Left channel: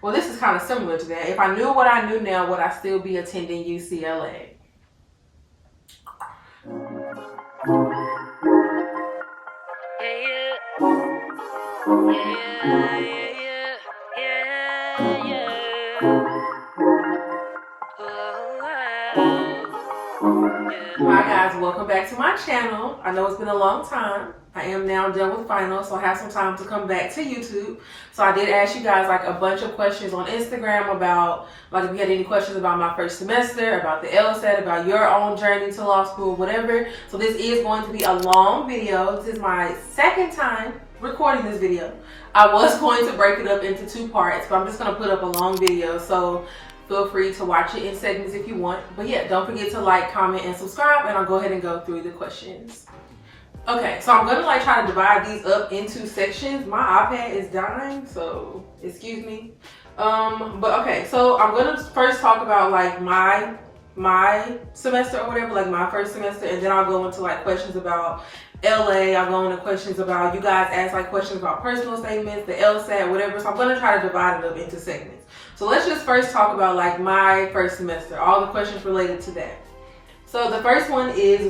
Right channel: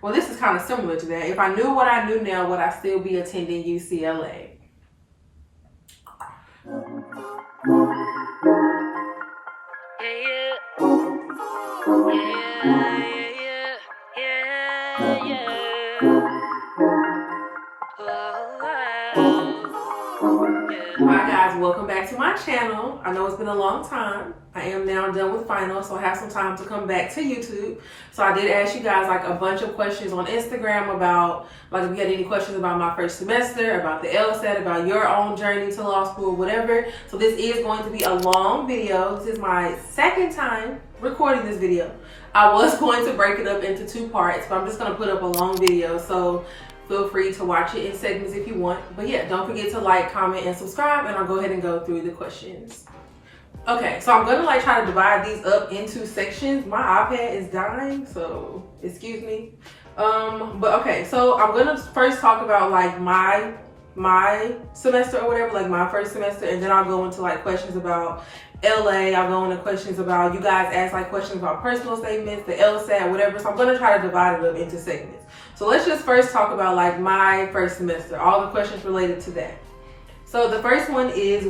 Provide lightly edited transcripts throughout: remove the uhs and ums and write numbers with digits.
Well, this is kind of similar to that. If I knew what I knew now, would I still be attending UCLA? Hi guys, welcome back to my channel. I know it's been a long time. I am now done with finals, so I have some time to come back to YouTube. So I did ask you guys like a bunch of questions on Instagram about like if you had any questions about my first semester, about the LSAT, about your own journey to law school, whatever. So this is going to be a long video. This is my second time recording this video. I was going to break it up into 2 parts, but I'm just going to put up a long video. So feel free to watch it in segments if you want. But yeah, don't forget to like, comment, and subscribe, and I'll go ahead and go through the questions. Okay, so I'm gonna like try to divide these up into sections. My iPad is dying, so excuse me. But okay, so I'm gonna first talk about like my semester or whatever, like my first semester, and then I'll go into like questions about LA. I'll go into questions about, you guys ask like questions about personal statements, the LSAT, whatever. So I'm gonna try to divide it up into segments. So let's just first talk about like my first semester, all the questions related to that. So the first one is,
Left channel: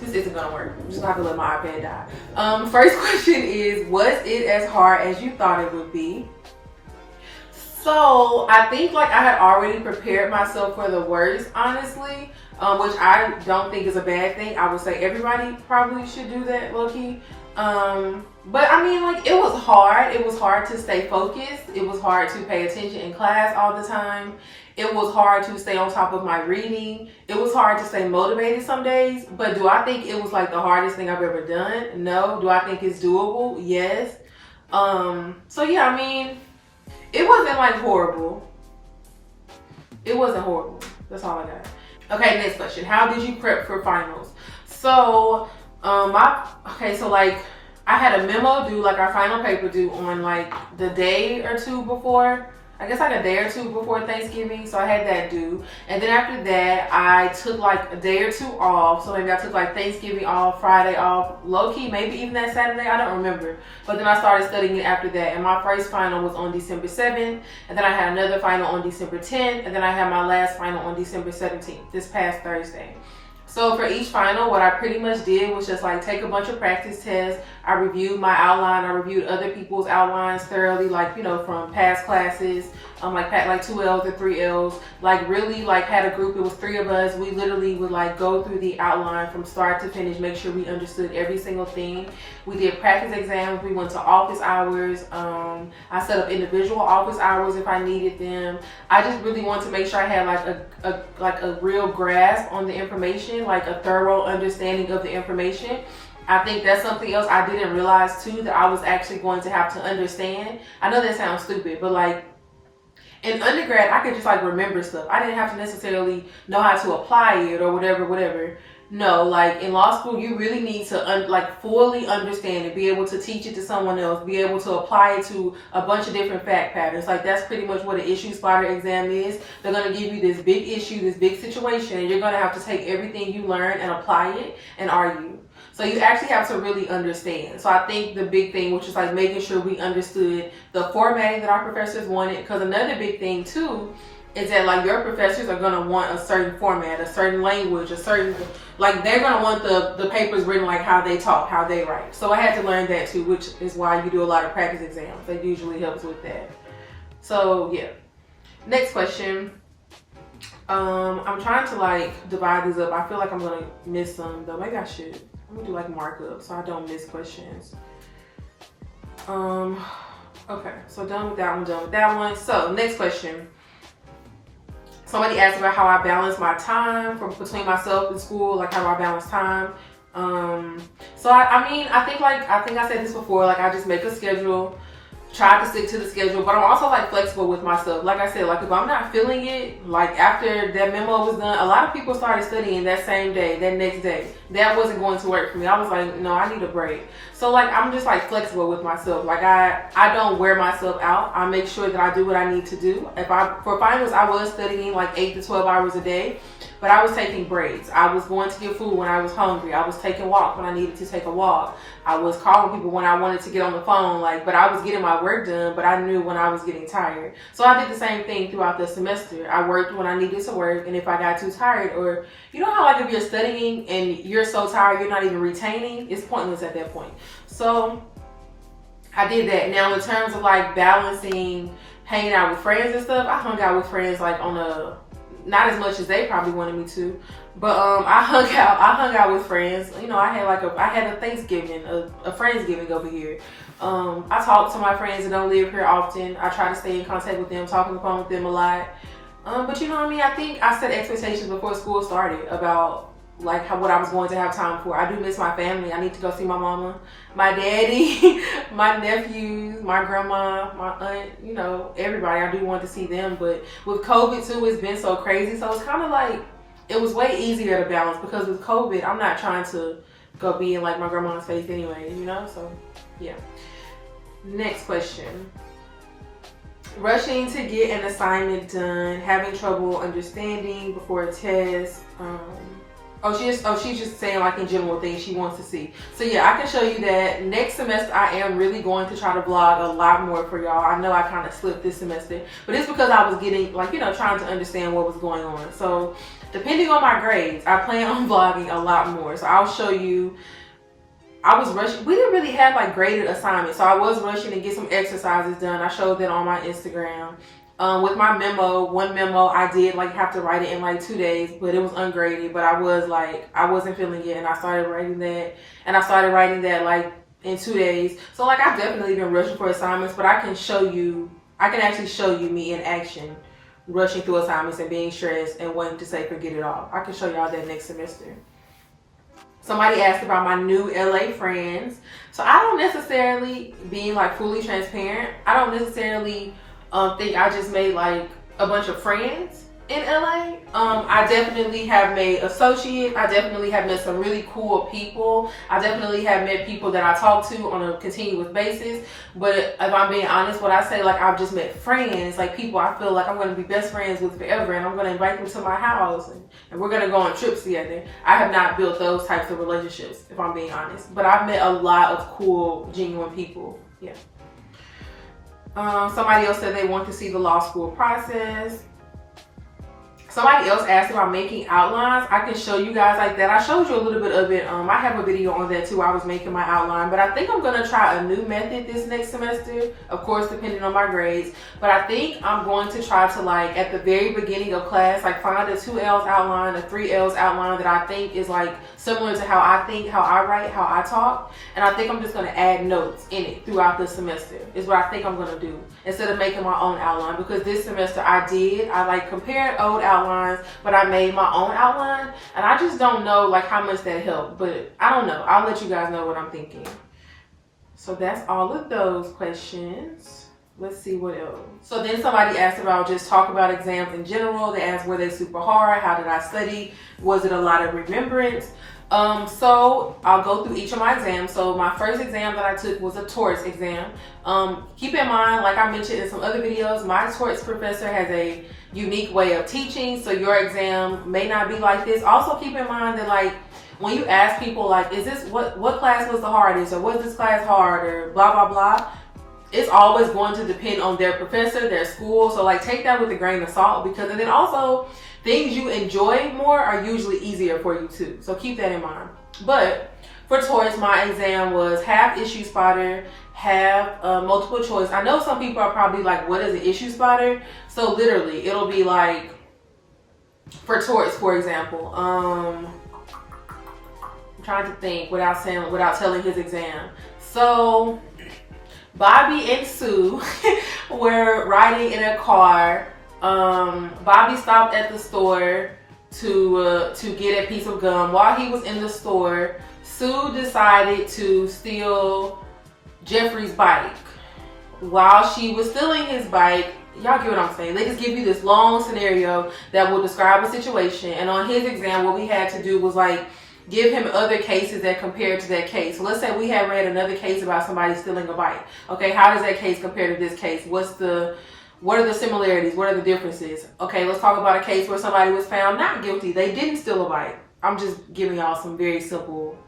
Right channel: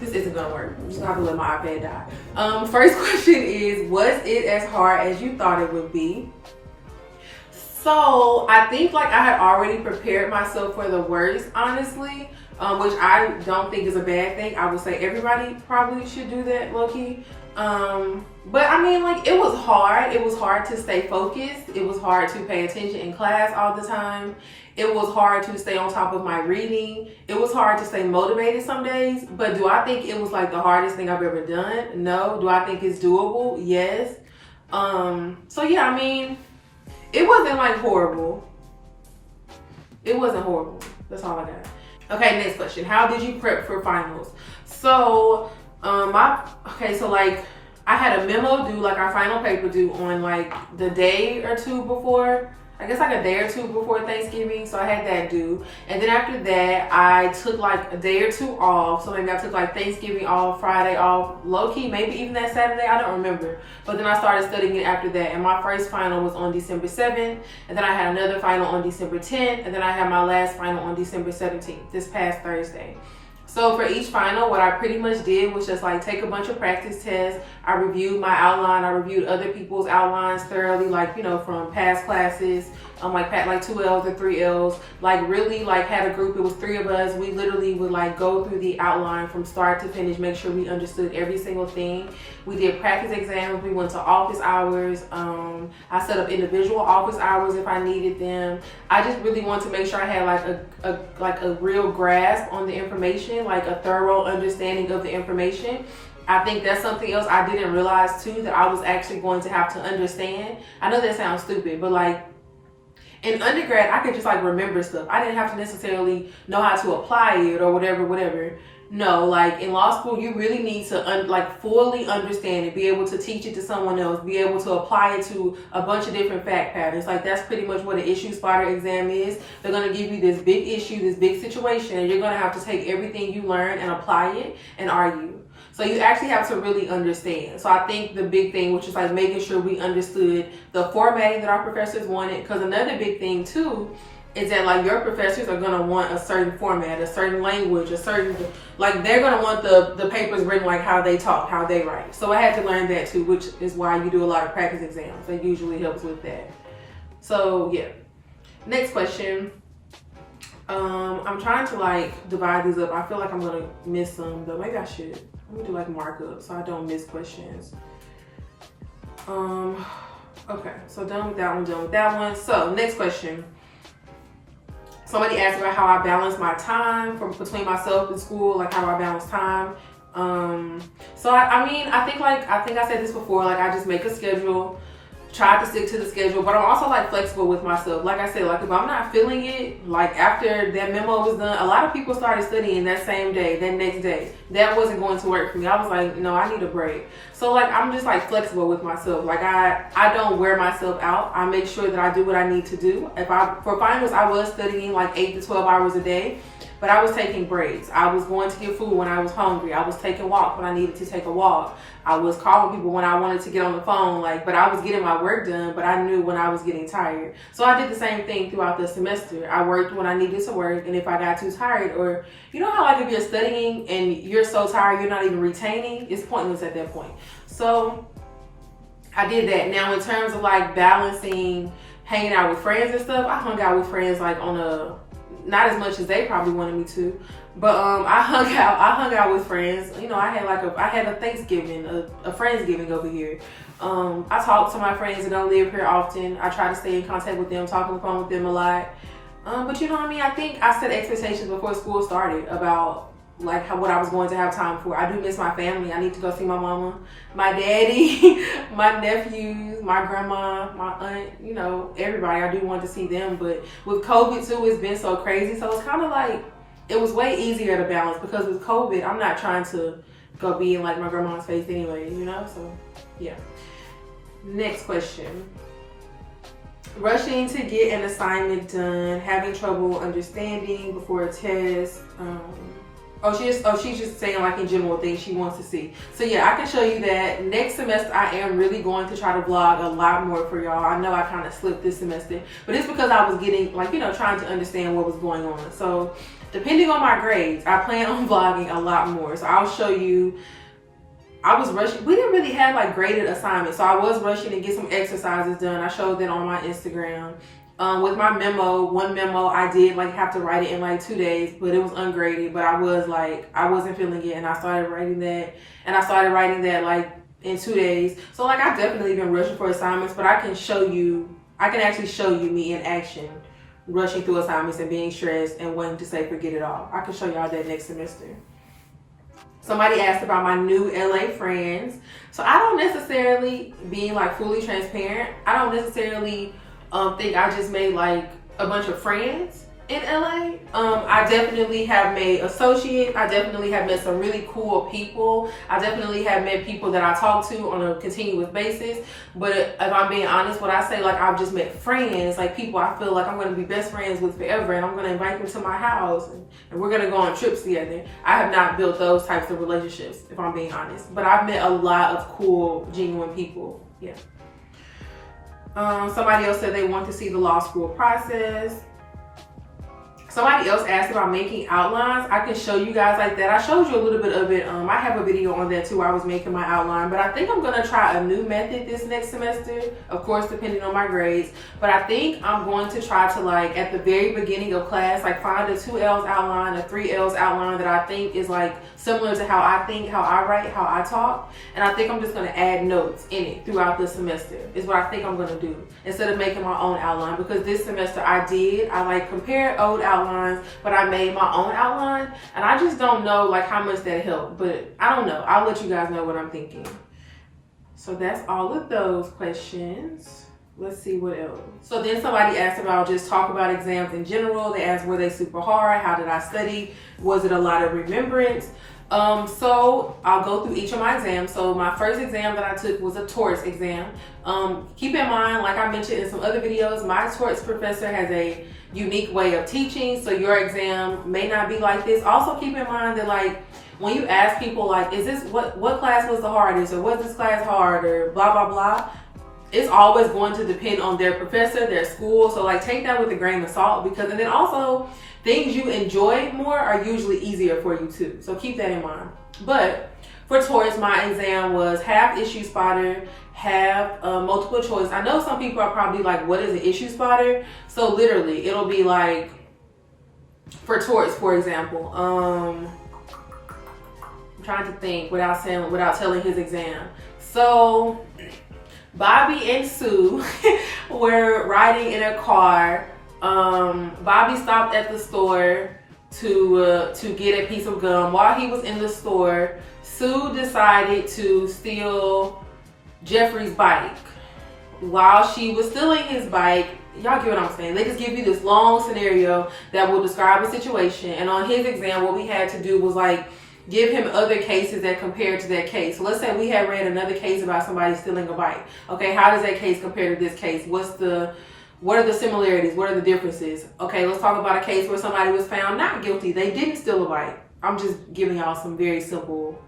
this isn't gonna work. I'm just gonna have to let my iPad die. First question is, was it as hard as you thought it would be? So I think like I had already prepared myself for the worst, honestly, which I don't think is a bad thing. I would say everybody probably should do that, low-key. But I mean, like, it was hard. It was hard to stay focused. It was hard to pay attention in class all the time. It was hard to stay on top of my reading. It was hard to stay motivated some days. But do I think it was like the hardest thing I've ever done? No. Do I think it's doable? Yes. So yeah, I mean, it wasn't like horrible. It wasn't horrible. That's all I got. Okay, next question. How did you prep for finals? So, so like I had a memo due, like our final paper due on like the day or two before. I guess like a day or two before Thanksgiving, so I had that due. And then after that, I took like a day or 2 off. So maybe I took like Thanksgiving off, Friday off, low-key, maybe even that Saturday, I don't remember. But then I started studying it after that. And my first final was on December 7th. And then I had another final on December 10th. And then I had my last final on December 17th, this past Thursday. So for each final, what I pretty much did was just like take a bunch of practice tests. I reviewed my outline. I reviewed other people's outlines thoroughly, like, you know, from past classes, like 2 L's or 3 L's. Like really like had a group, it was 3 of us. We literally would like go through the outline from start to finish, make sure we understood every single thing. We did practice exams. We went to office hours. I set up individual office hours if I needed them. I just really wanted to make sure I had like a real grasp on the information, like a thorough understanding of the information. I think that's something else I didn't realize too, that I was actually going to have to understand. I know that sounds stupid, but like in undergrad, I could just like remember stuff. I didn't have to necessarily know how to apply it or whatever. No, like in law school, you really need to fully understand it, be able to teach it to someone else, be able to apply it to a bunch of different fact patterns. Like that's pretty much what an issue spotter exam is. They're going to give you this big issue, this big situation, and you're going to have to take everything you learn and apply it and argue. So you actually have to really understand. So I think the big thing, which is like making sure we understood the formatting that our professors wanted, because another big thing too is that like your professors are going to want a certain format, a certain language, a certain, like they're going to want the papers written like how they talk, how they write. So I had to learn that too, which is why you do a lot of practice exams. That usually helps with that. So yeah. Next question. I'm trying to like divide these up. I feel like I'm going to miss some though. Maybe I should. I'm going to do like markup so I don't miss questions. Okay, so done with that one, So next question. Somebody asked about how I balance my time between myself and school, like how do I balance time? So I mean, I think I said this before, like I just make a schedule, try to stick to the schedule, but I'm also like flexible with myself. Like I said, like if I'm not feeling it, like after that memo was done, a lot of people started studying that same day, that next day. That wasn't going to work for me. I was like, no, I need a break. So like, I'm just like flexible with myself. Like I don't wear myself out. I make sure that I do what I need to do. For finals, I was studying like 8 to 12 hours a day. but I was taking breaks. I was going to get food when I was hungry. I was taking walks when I needed to take a walk. I was calling people when I wanted to get on the phone, but I was getting my work done, but I knew when I was getting tired. So I did the same thing throughout the semester. I worked when I needed to work, and if I got too tired, or you know how if you're studying and you're so tired you're not even retaining, it's pointless at that point. So I did that. Now in terms of balancing hanging out with friends and stuff, I hung out with friends on a, not as much as they probably wanted me to, but I hung out with friends. You know, I had a Thanksgiving, a Friendsgiving over here. I talk to my friends that don't live here often. I try to stay in contact with them, talk on the phone with them a lot. But you know what I mean? I think I set expectations before school started about what I was going to have time for. I do miss my family. I need to go see my mama, my daddy, my nephews, my grandma, my aunt, you know, everybody. I do want to see them. But with COVID too, it's been so crazy. So it's kind of it was way easier to balance, because with COVID, I'm not trying to go be in my grandma's face anyway, you know? So yeah. Next question. Rushing to get an assignment done, having trouble understanding before a test. She's just saying in general things she wants to see. So yeah, I can show you that. Next semester, I am really going to try to vlog a lot more for y'all. I know I kind of slipped this semester, but it's because I was getting trying to understand what was going on. So depending on my grades, I plan on vlogging a lot more. So I'll show you. I was rushing. We didn't really have graded assignments, so I was rushing to get some exercises done. I showed that on my Instagram. With my one memo I did have to write it in 2 days, but it was ungraded. But I was I wasn't feeling it, and I started writing that, in 2 days. So I've definitely been rushing for assignments, but I can actually show you me in action, rushing through assignments and being stressed and wanting to say forget it all. I can show y'all that next semester. Somebody asked about my new LA friends. So I don't necessarily, being fully transparent, I don't necessarily think I just made a bunch of friends in LA. I definitely have made associates. I definitely have met some really cool people. I definitely have met people that I talk to on a continuous basis. But if I'm being honest, when I say I've just met friends, people I feel I'm going to be best friends with forever, and I'm going to invite them to my house, and we're going to go on trips together. I have not built those types of relationships, if I'm being honest. But I've met a lot of cool, genuine people. Yeah. Somebody else said they want to see the law school process. Somebody else asked about making outlines. I can show you guys that. I showed you a little bit of it. I have a video on that too. I was making my outline, but I think I'm going to try a new method this next semester, of course, depending on my grades. But I think I'm going to try to at the very beginning of class, find a 2Ls outline, a 3Ls outline that I think is similar to how I think, how I write, how I talk. And I think I'm just going to add notes in it throughout the semester is what I think I'm going to do, instead of making my own outline. Because this semester I compared old outlines, but I made my own outline, and I just don't know how much that helped. But I don't know. I'll let you guys know what I'm thinking. So that's all of those questions. Let's see what else. So then somebody asked about just talk about exams in general. They asked, were they super hard? How did I study? Was it a lot of remembrance? So I'll go through each of my exams. So my first exam that I took was a torts exam. Keep in mind, like I mentioned in some other videos, my torts professor has a unique way of teaching. So your exam may not be like this. Also keep in mind that when you ask people is this what class was the hardest, or was this class hard, or blah, blah, blah, it's always going to depend on their professor, their school. So take that with a grain of salt, and then also things you enjoy more are usually easier for you too. So keep that in mind. But for torts, my exam was half issue spotter, half multiple choice. I know some people are probably what is an issue spotter? So literally it'll be for torts, for example, I'm trying to think without telling his exam. So Bobby and Sue were riding in a car. Bobby stopped at the store to get a piece of gum. While he was in the store, Sue decided to steal Jeffrey's bike. While she was stealing his bike, y'all get what I'm saying? They just give you this long scenario that will describe a situation. And on his exam, what we had to do was give him other cases that compare to that case. So let's say we had read another case about somebody stealing a bike. Okay, how does that case compare to this case? What's the What are the similarities? What are the differences? Okay, let's talk about a case where somebody was found not guilty. They didn't steal a bike. I'm just giving y'all some very simple,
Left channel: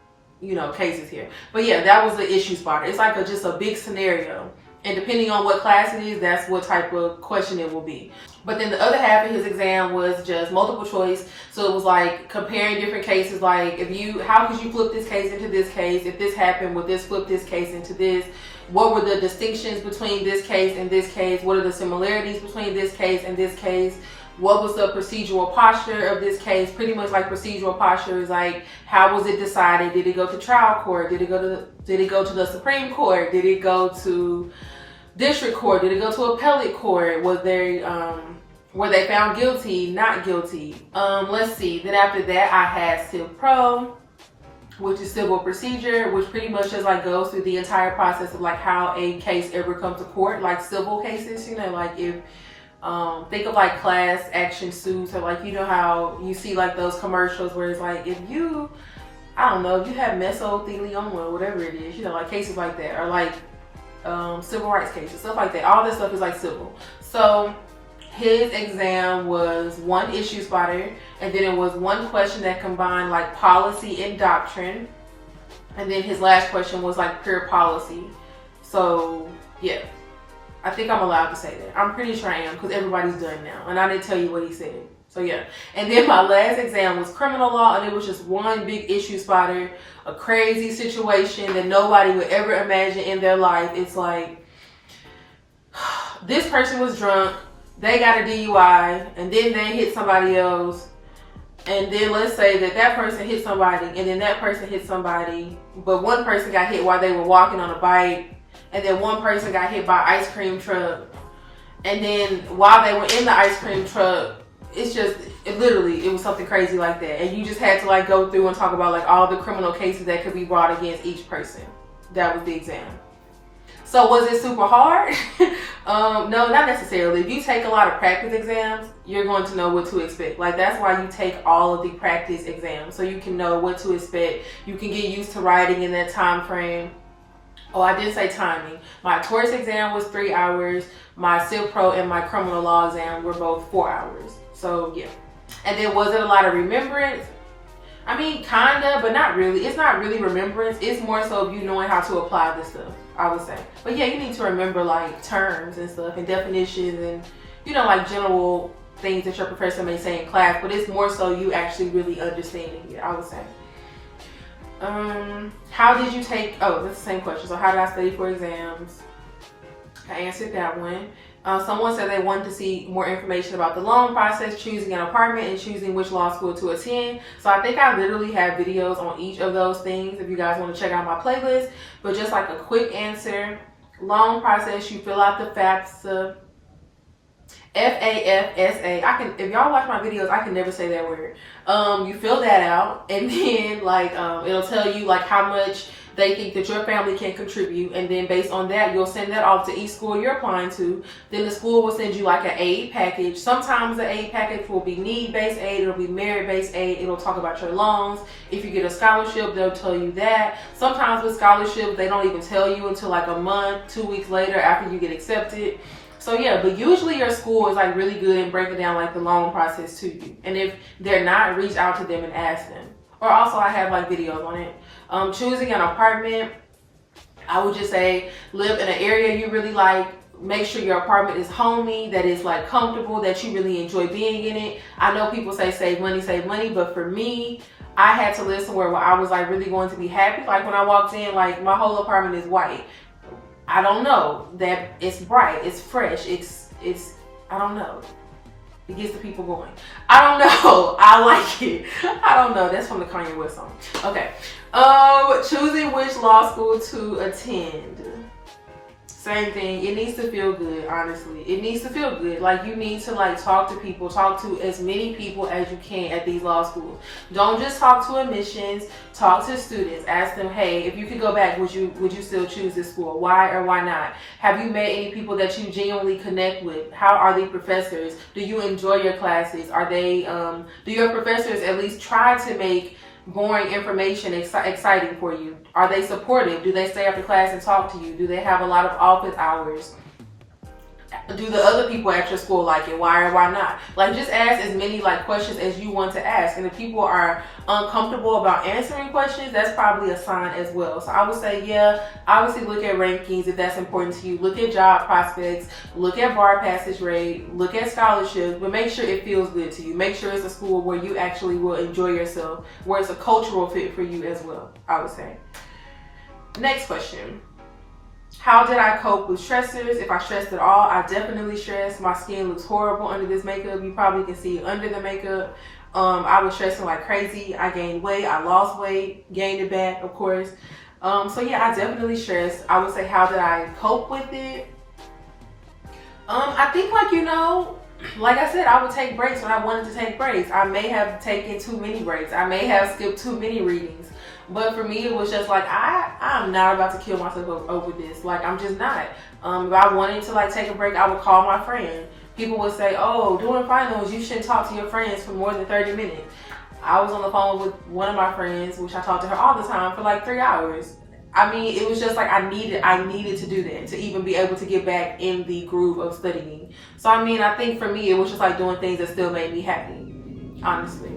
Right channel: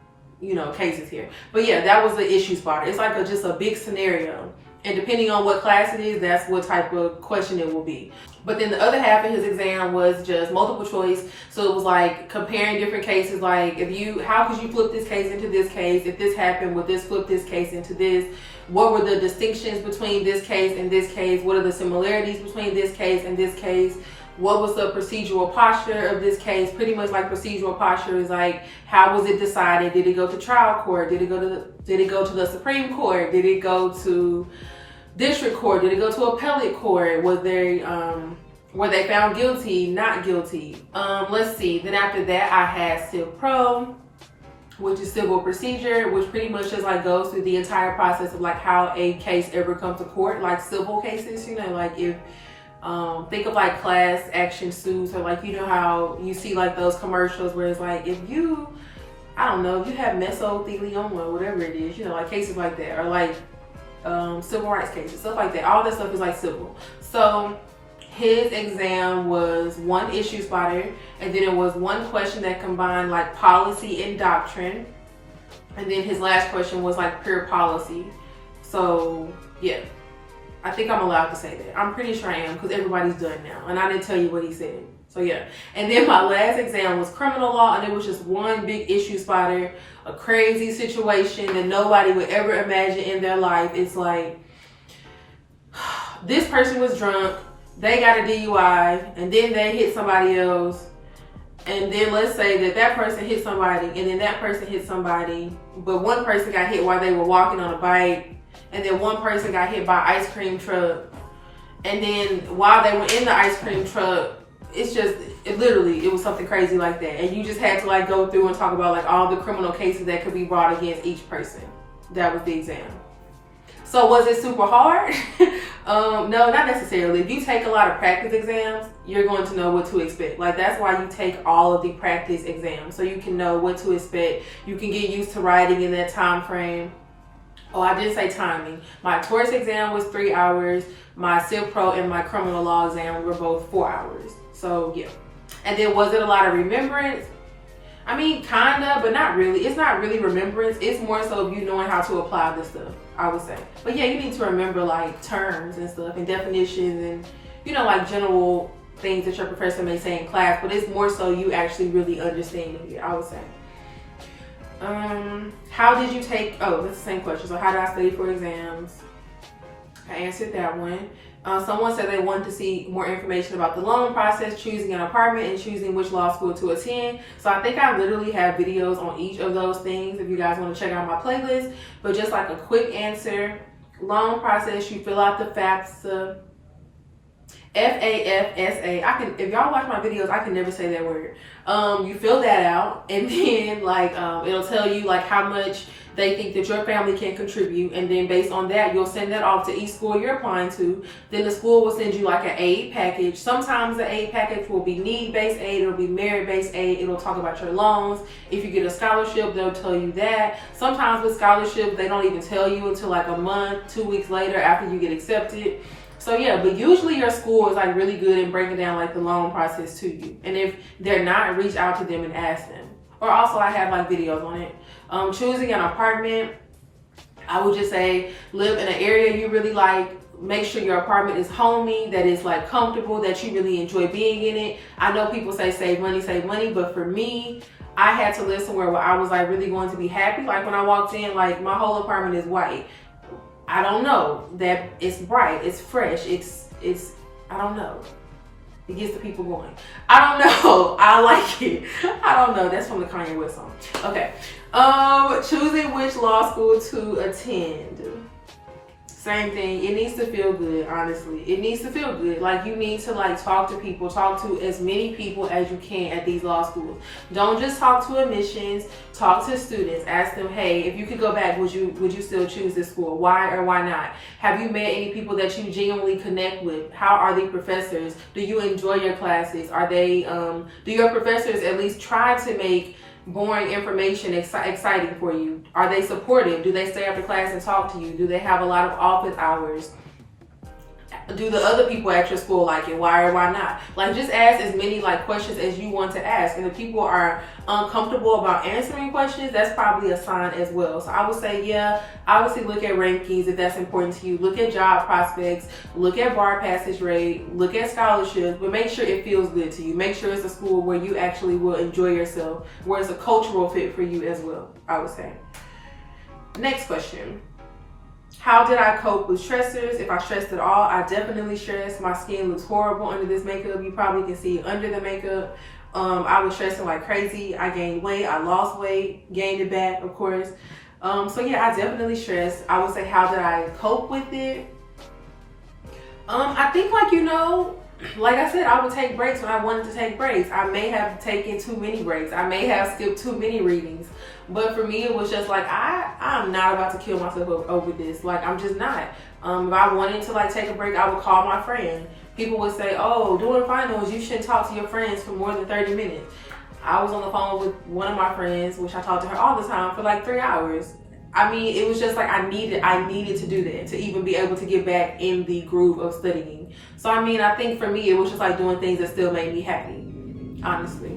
cases here. But yeah, that was the issue spotter. It's like just a big scenario. And depending on what class it is, that's what type of question it will be. But then the other half of his exam was just multiple choice. So it was like comparing different cases. Like how could you flip this case into this case? If this happened, would this flip this case into this? What were the distinctions between this case and this case? What are the similarities between this case and this case? What was the procedural posture of this case? Pretty much like procedural posture is like, how was it decided? Did it go to trial court? Did it go to the Supreme Court? Did it go to district court? Did it go to appellate court? Were they found guilty, not guilty? Let's see. Then after that, I had Civ Pro, which is civil procedure, which pretty much just like goes through the entire process of like how a case ever comes to court, like civil cases, like if think of like class action suits, or like how you see like those commercials where it's like if you have mesothelioma or whatever it is, like cases like that, or like civil rights cases, stuff like that. All this stuff is like civil. So his exam was one issue spotter, and then it was one question that combined like policy and doctrine, and then his last question was like pure policy. So yeah, I think I'm allowed to say that. I'm pretty sure I am, because everybody's done now, and I didn't tell you what he said. So yeah. And then my last exam was criminal law, and it was just one big issue spotter, a crazy situation that nobody would ever imagine in their life. It's like, this person was drunk, they got a DUI, and then they hit somebody else. And then let's say that person hit somebody, and then that person hit somebody, but one person got hit while they were walking on a bike, and then one person got hit by an ice cream truck. And then while they were in the ice cream truck, it was something crazy like that. And you just had to like go through and talk about like all the criminal cases that could be brought against each person. That was the exam. So was it super hard? No, not necessarily. If you take a lot of practice exams, you're going to know what to expect. Like that's why you take all of the practice exams, so you can know what to expect. You can get used to writing in that time frame. Oh, I did say timing. My torts exam was 3 hours. My Civ Pro and my criminal law exam were both 4 hours. So yeah. And then was it a lot of remembrance? I mean, kinda, but not really. It's not really remembrance. It's more so you knowing how to apply this stuff, I would say. But yeah, you need to remember like terms and stuff and definitions and, like general things that your professor may say in class, but it's more so you actually really understanding it, I would say. How did you take, that's the same question. So how did I study for exams? I answered that one. Someone said they wanted to see more information about the loan process, choosing an apartment, and choosing which law school to attend. So I think I literally have videos on each of those things if you guys want to check out my playlist. But just like a quick answer, loan process, you fill out the FAFSA. FAFSA. If y'all watch my videos, I can never say that word. You fill that out, and then it'll tell you like how much they think that your family can contribute, and then based on that, you'll send that off to each school you're applying to. Then the school will send you like an aid package. Sometimes the aid package will be need-based aid, it'll be merit-based aid, it'll talk about your loans. If you get a scholarship, they'll tell you that. Sometimes with scholarships, they don't even tell you until like a month, 2 weeks later after you get accepted. So yeah, but usually your school is like really good in breaking down like the loan process to you. And if they're not, reach out to them and ask them. Or also I have like videos on it. Choosing an apartment, I would just say live in an area you really like. Make sure your apartment is homey, that is like comfortable, that you really enjoy being in it. I know people say save money, but for me, I had to live somewhere where I was like really going to be happy. Like when I walked in, like my whole apartment is white. I don't know, that it's bright, it's fresh, it's I don't know. It gets the people going. I don't know. I like it. I don't know. That's from the Kanye West song. Okay. Choosing which law school to attend. Same thing. It needs to feel good, honestly. It needs to feel good. Like you need to like talk to people, talk to as many people as you can at these law schools. Don't just talk to admissions, talk to students. Ask them, hey, if you could go back, would you still choose this school? Why or why not? Have you met any people that you genuinely connect with? How are the professors? Do you enjoy your classes? Are they, do your professors at least try to make boring information exciting for you? Are they supportive? Do they stay after class and talk to you? Do they have a lot of office hours? Do the other people at your school like it? Why or why not? Like, just ask as many like questions as you want to ask. And if people are uncomfortable about answering questions, that's probably a sign as well. So I would say, yeah, obviously look at rankings if that's important to you. Look at job prospects, look at bar passage rate, look at scholarships, but make sure it feels good to you. Make sure it's a school where you actually will enjoy yourself, where it's a cultural fit for you as well, I would say. Next question. How did I cope with stressors? If I stressed at all, I definitely stressed. My skin looks horrible under this makeup. You probably can see it under the makeup. I was stressing like crazy. I gained weight. I lost weight. Gained it back, of course. So yeah, I definitely stressed. I would say, how did I cope with it? I think like I said, I would take breaks when I wanted to take breaks. I may have taken too many breaks. I may have skipped too many readings. But for me, it was just like, I'm not about to kill myself over this. Like, I'm just not. If I wanted to like take a break, I would call my friend. People would say, oh, during finals, you shouldn't talk to your friends for more than 30 minutes. I was on the phone with one of my friends, which I talked to her all the time for like 3 hours. I mean, it was just like I needed to do that to even be able to get back in the groove of studying. So I mean, I think for me, it was just like doing things that still made me happy, honestly.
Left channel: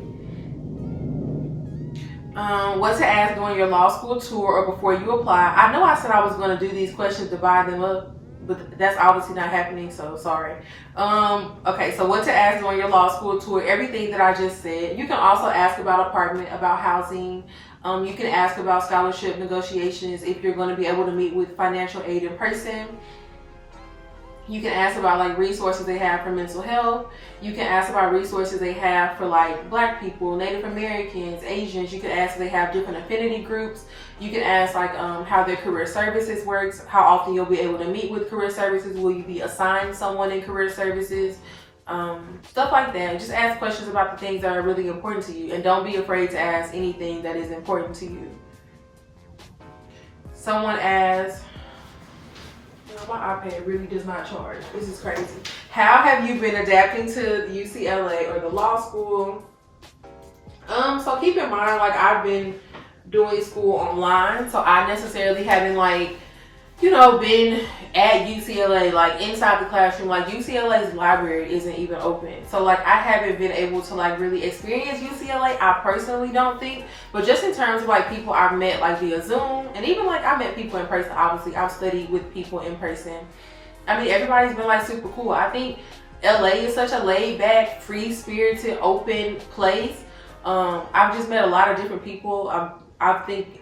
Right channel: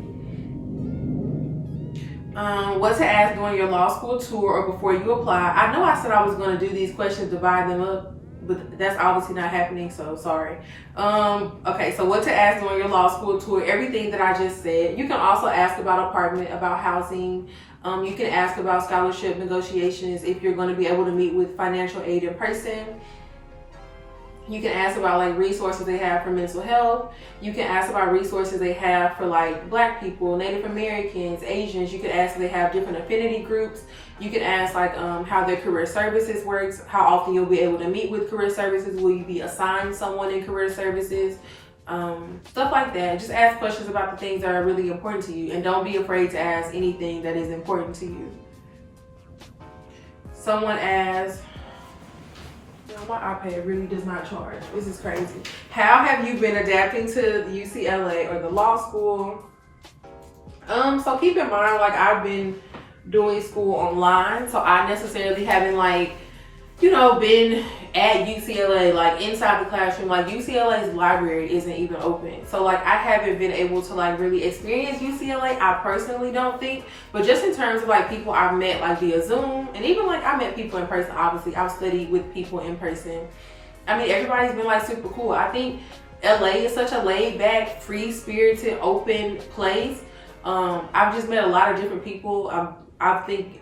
What to ask during your law school tour or before you apply. I know I said I was going to do these questions, divide them up, but that's obviously not happening, so sorry. Okay, so what to ask during your law school tour, everything that I just said. You can also ask about apartment, about housing. You can ask about scholarship negotiations if you're going to be able to meet with financial aid in person. You can ask about like resources they have for mental health. You can ask about resources they have for like Black people, Native Americans, Asians. You can ask if they have different affinity groups. You can ask like how their career services works, how often you'll be able to meet with career services. Will you be assigned someone in career services? Stuff like that. Just ask questions about the things that are really important to you, and don't be afraid to ask anything that is important to you. Someone asked, my iPad really does not charge. This is crazy. How have you been adapting to UCLA or the law school? So keep in mind, like, I've been doing school online, so I necessarily haven't been at UCLA, like inside the classroom. Like, UCLA's library isn't even open. So like, I haven't been able to like really experience UCLA. I personally don't think, but just in terms of like people I've met like via Zoom, and even like I met people in person, obviously I've studied with people in person. I mean, everybody's been like super cool. I think LA is such a laid back, free spirited, open place. I've just met a lot of different people. I think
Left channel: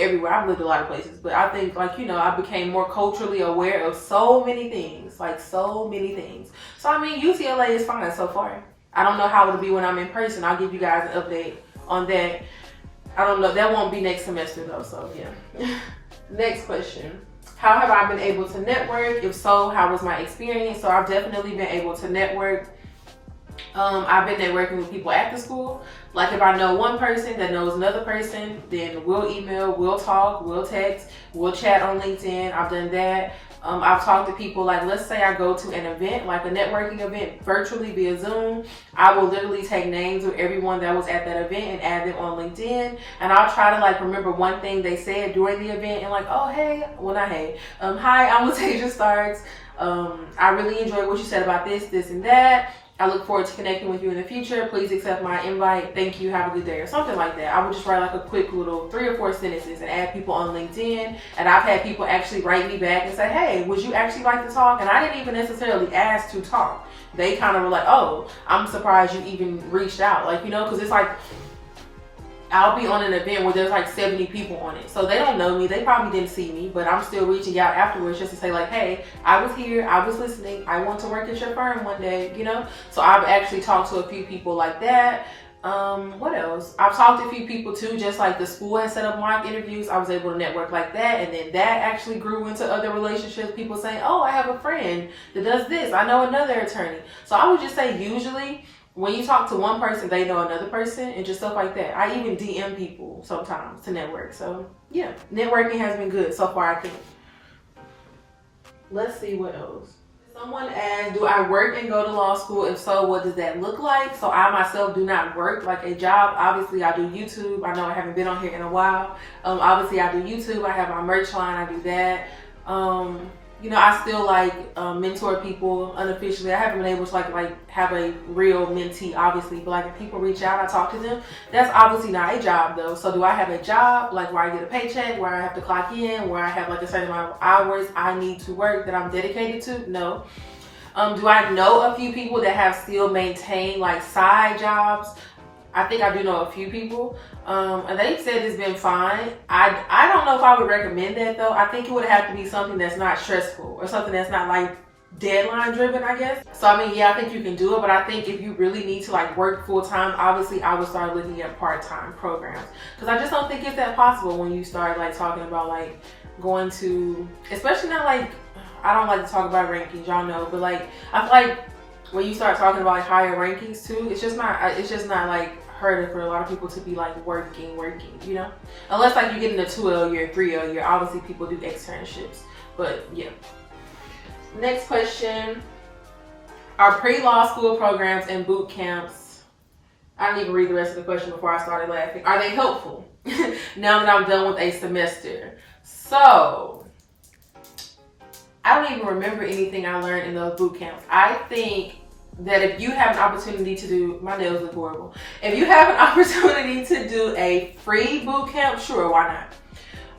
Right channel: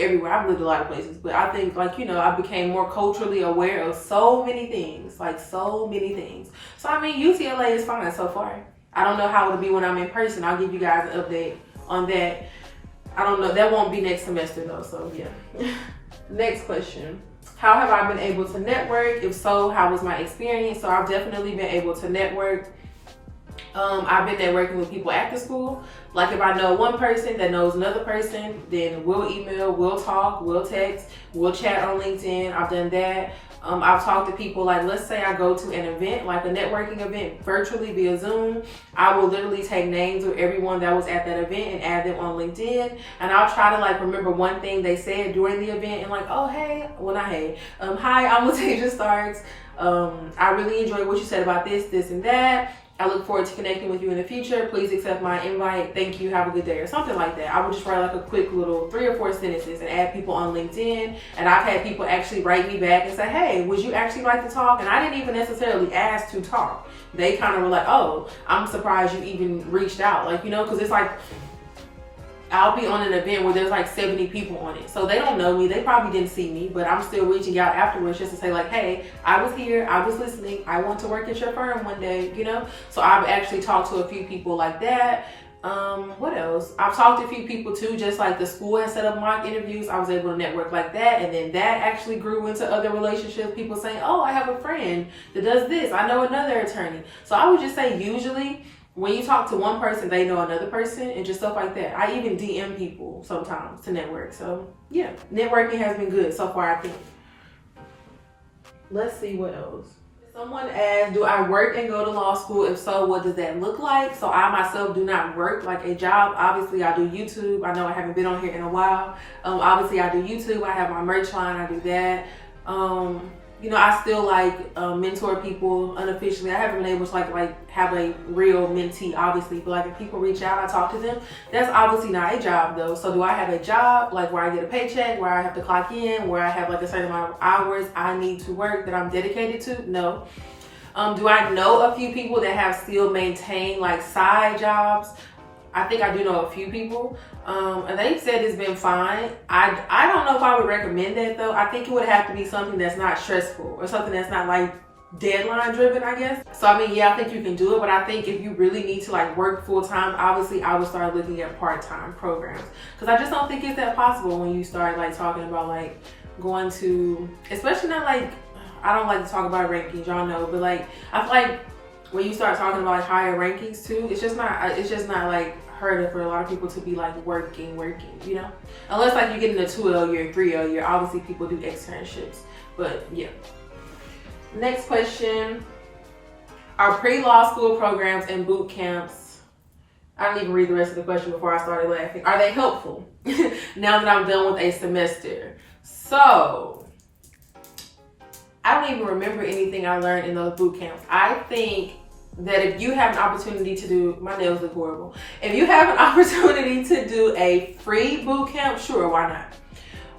everywhere. I've lived a lot of places, but I think I became more culturally aware of so many things. So I mean, UCLA is fine so far. I don't know how it'll be when I'm in person. I'll give you guys an update on that. I don't know. That won't be next semester though, so yeah. Next question. How have I been able to network? If so, how was my experience? So I've definitely been able to network. I've been networking with people at the school. Like, if I know one person that knows another person, then we'll email, we'll talk, we'll text, we'll chat on LinkedIn. I've done that. I've talked to people, like, let's say I go to an event, like a networking event virtually via Zoom. I will literally take names of everyone that was at that event and add them on LinkedIn. And I'll try to like remember one thing they said during the event and like, oh, hey, well, not hey. Hi, I'm Latasia Starks. I really enjoyed what you said about this, and that. I look forward to connecting with you in the future. Please accept my invite. Thank you. Have a good day, or something like that. I would just write like a quick little 3 or 4 sentences and add people on LinkedIn. And I've had people actually write me back and say, hey, would you actually like to talk? And I didn't even necessarily ask to talk. They kind of were like, oh, I'm surprised you even reached out. Like, because it's like, I'll be on an event where there's like 70 people on it. So they don't know me. They probably didn't see me, but I'm still reaching out afterwards just to say like, hey, I was here. I was listening. I want to work at your firm one day, So I've actually talked to a few people like that. What else? I've talked to a few people too, just like the school has set up mock interviews. I was able to network like that. And then that actually grew into other relationships. People saying, oh, I have a friend that does this. I know another attorney. So I would just say usually, when you talk to one person, they know another person, and just stuff like that. I even DM people sometimes to network. So yeah, networking has been good so far, I think. Let's see what else. Someone asked, do I work and go to law school? If so, what does that look like? So I myself do not work like a job. Obviously, I do YouTube. I know I haven't been on here in a while. Obviously, I do YouTube. I have my merch line. I do that. you know, I still like mentor people unofficially. I haven't been able to like have a real mentee, obviously, but like if people reach out, I talk to them. That's obviously not a job though. So do I have a job like where I get a paycheck, where I have to clock in, where I have like a certain amount of hours I need to work that I'm dedicated to? No. Do I know a few people that have still maintained like side jobs? I think I do know a few people, and they said it's been fine. I don't know if I would recommend that though. I think it would have to be something that's not stressful or something that's not like deadline driven, I guess. So I mean, yeah, I think you can do it, but I think if you really need to like work full time, obviously I would start looking at part-time programs, because I just don't think it's that possible when you start like talking about like going to, especially not like, I don't like to talk about rankings, y'all know, but like I feel like when you start talking about like higher rankings too, it's just not like heard of for a lot of people to be like working, you know? Unless like you get in a 2L year, 3L year, obviously people do externships, but yeah. Next question, are pre-law school programs and boot camps, I didn't even read the rest of the question before I started laughing, are they helpful now that I'm done with a semester? So, I don't even remember anything I learned in those boot camps. I think that if you have an opportunity to do, my nails look horrible. If you have an opportunity to do a free boot camp, sure, why not?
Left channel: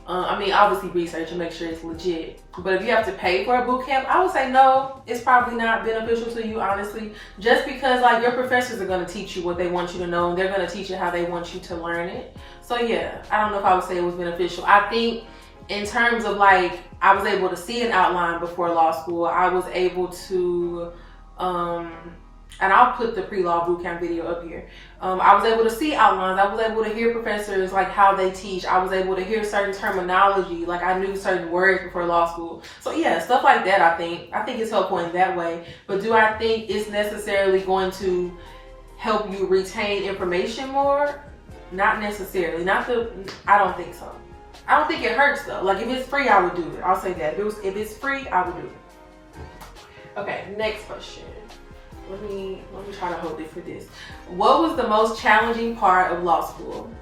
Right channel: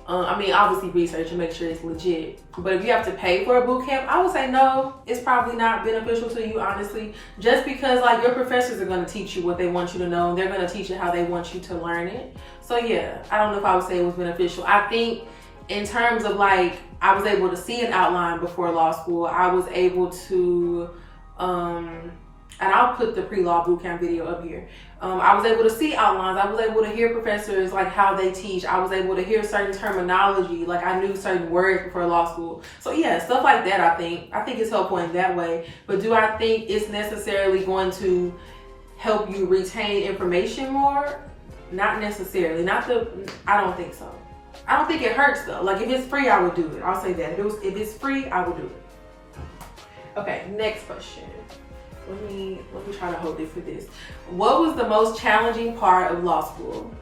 I mean, obviously research and make sure it's legit. But if you have to pay for a boot camp, I would say no, it's probably not beneficial to you, honestly. Just because like your professors are gonna teach you what they want you to know, and they're gonna teach you how they want you to learn it. So yeah, I don't know if I would say it was beneficial. I think in terms of like, I was able to see an outline before law school. I was able to, and I'll put the pre-law bootcamp video up here. I was able to see outlines. I was able to hear professors, like how they teach. I was able to hear certain terminology. Like I knew certain words before law school. So yeah, stuff like that, I think it's helpful in that way. But do I think it's necessarily going to help you retain information more? Not necessarily. I don't think so. I don't think it hurts though. Like if it's free, I would do it. I'll say that. If it's free, I would do it. Okay, next question. Let me try to hold it for this. What was the most challenging part of law school?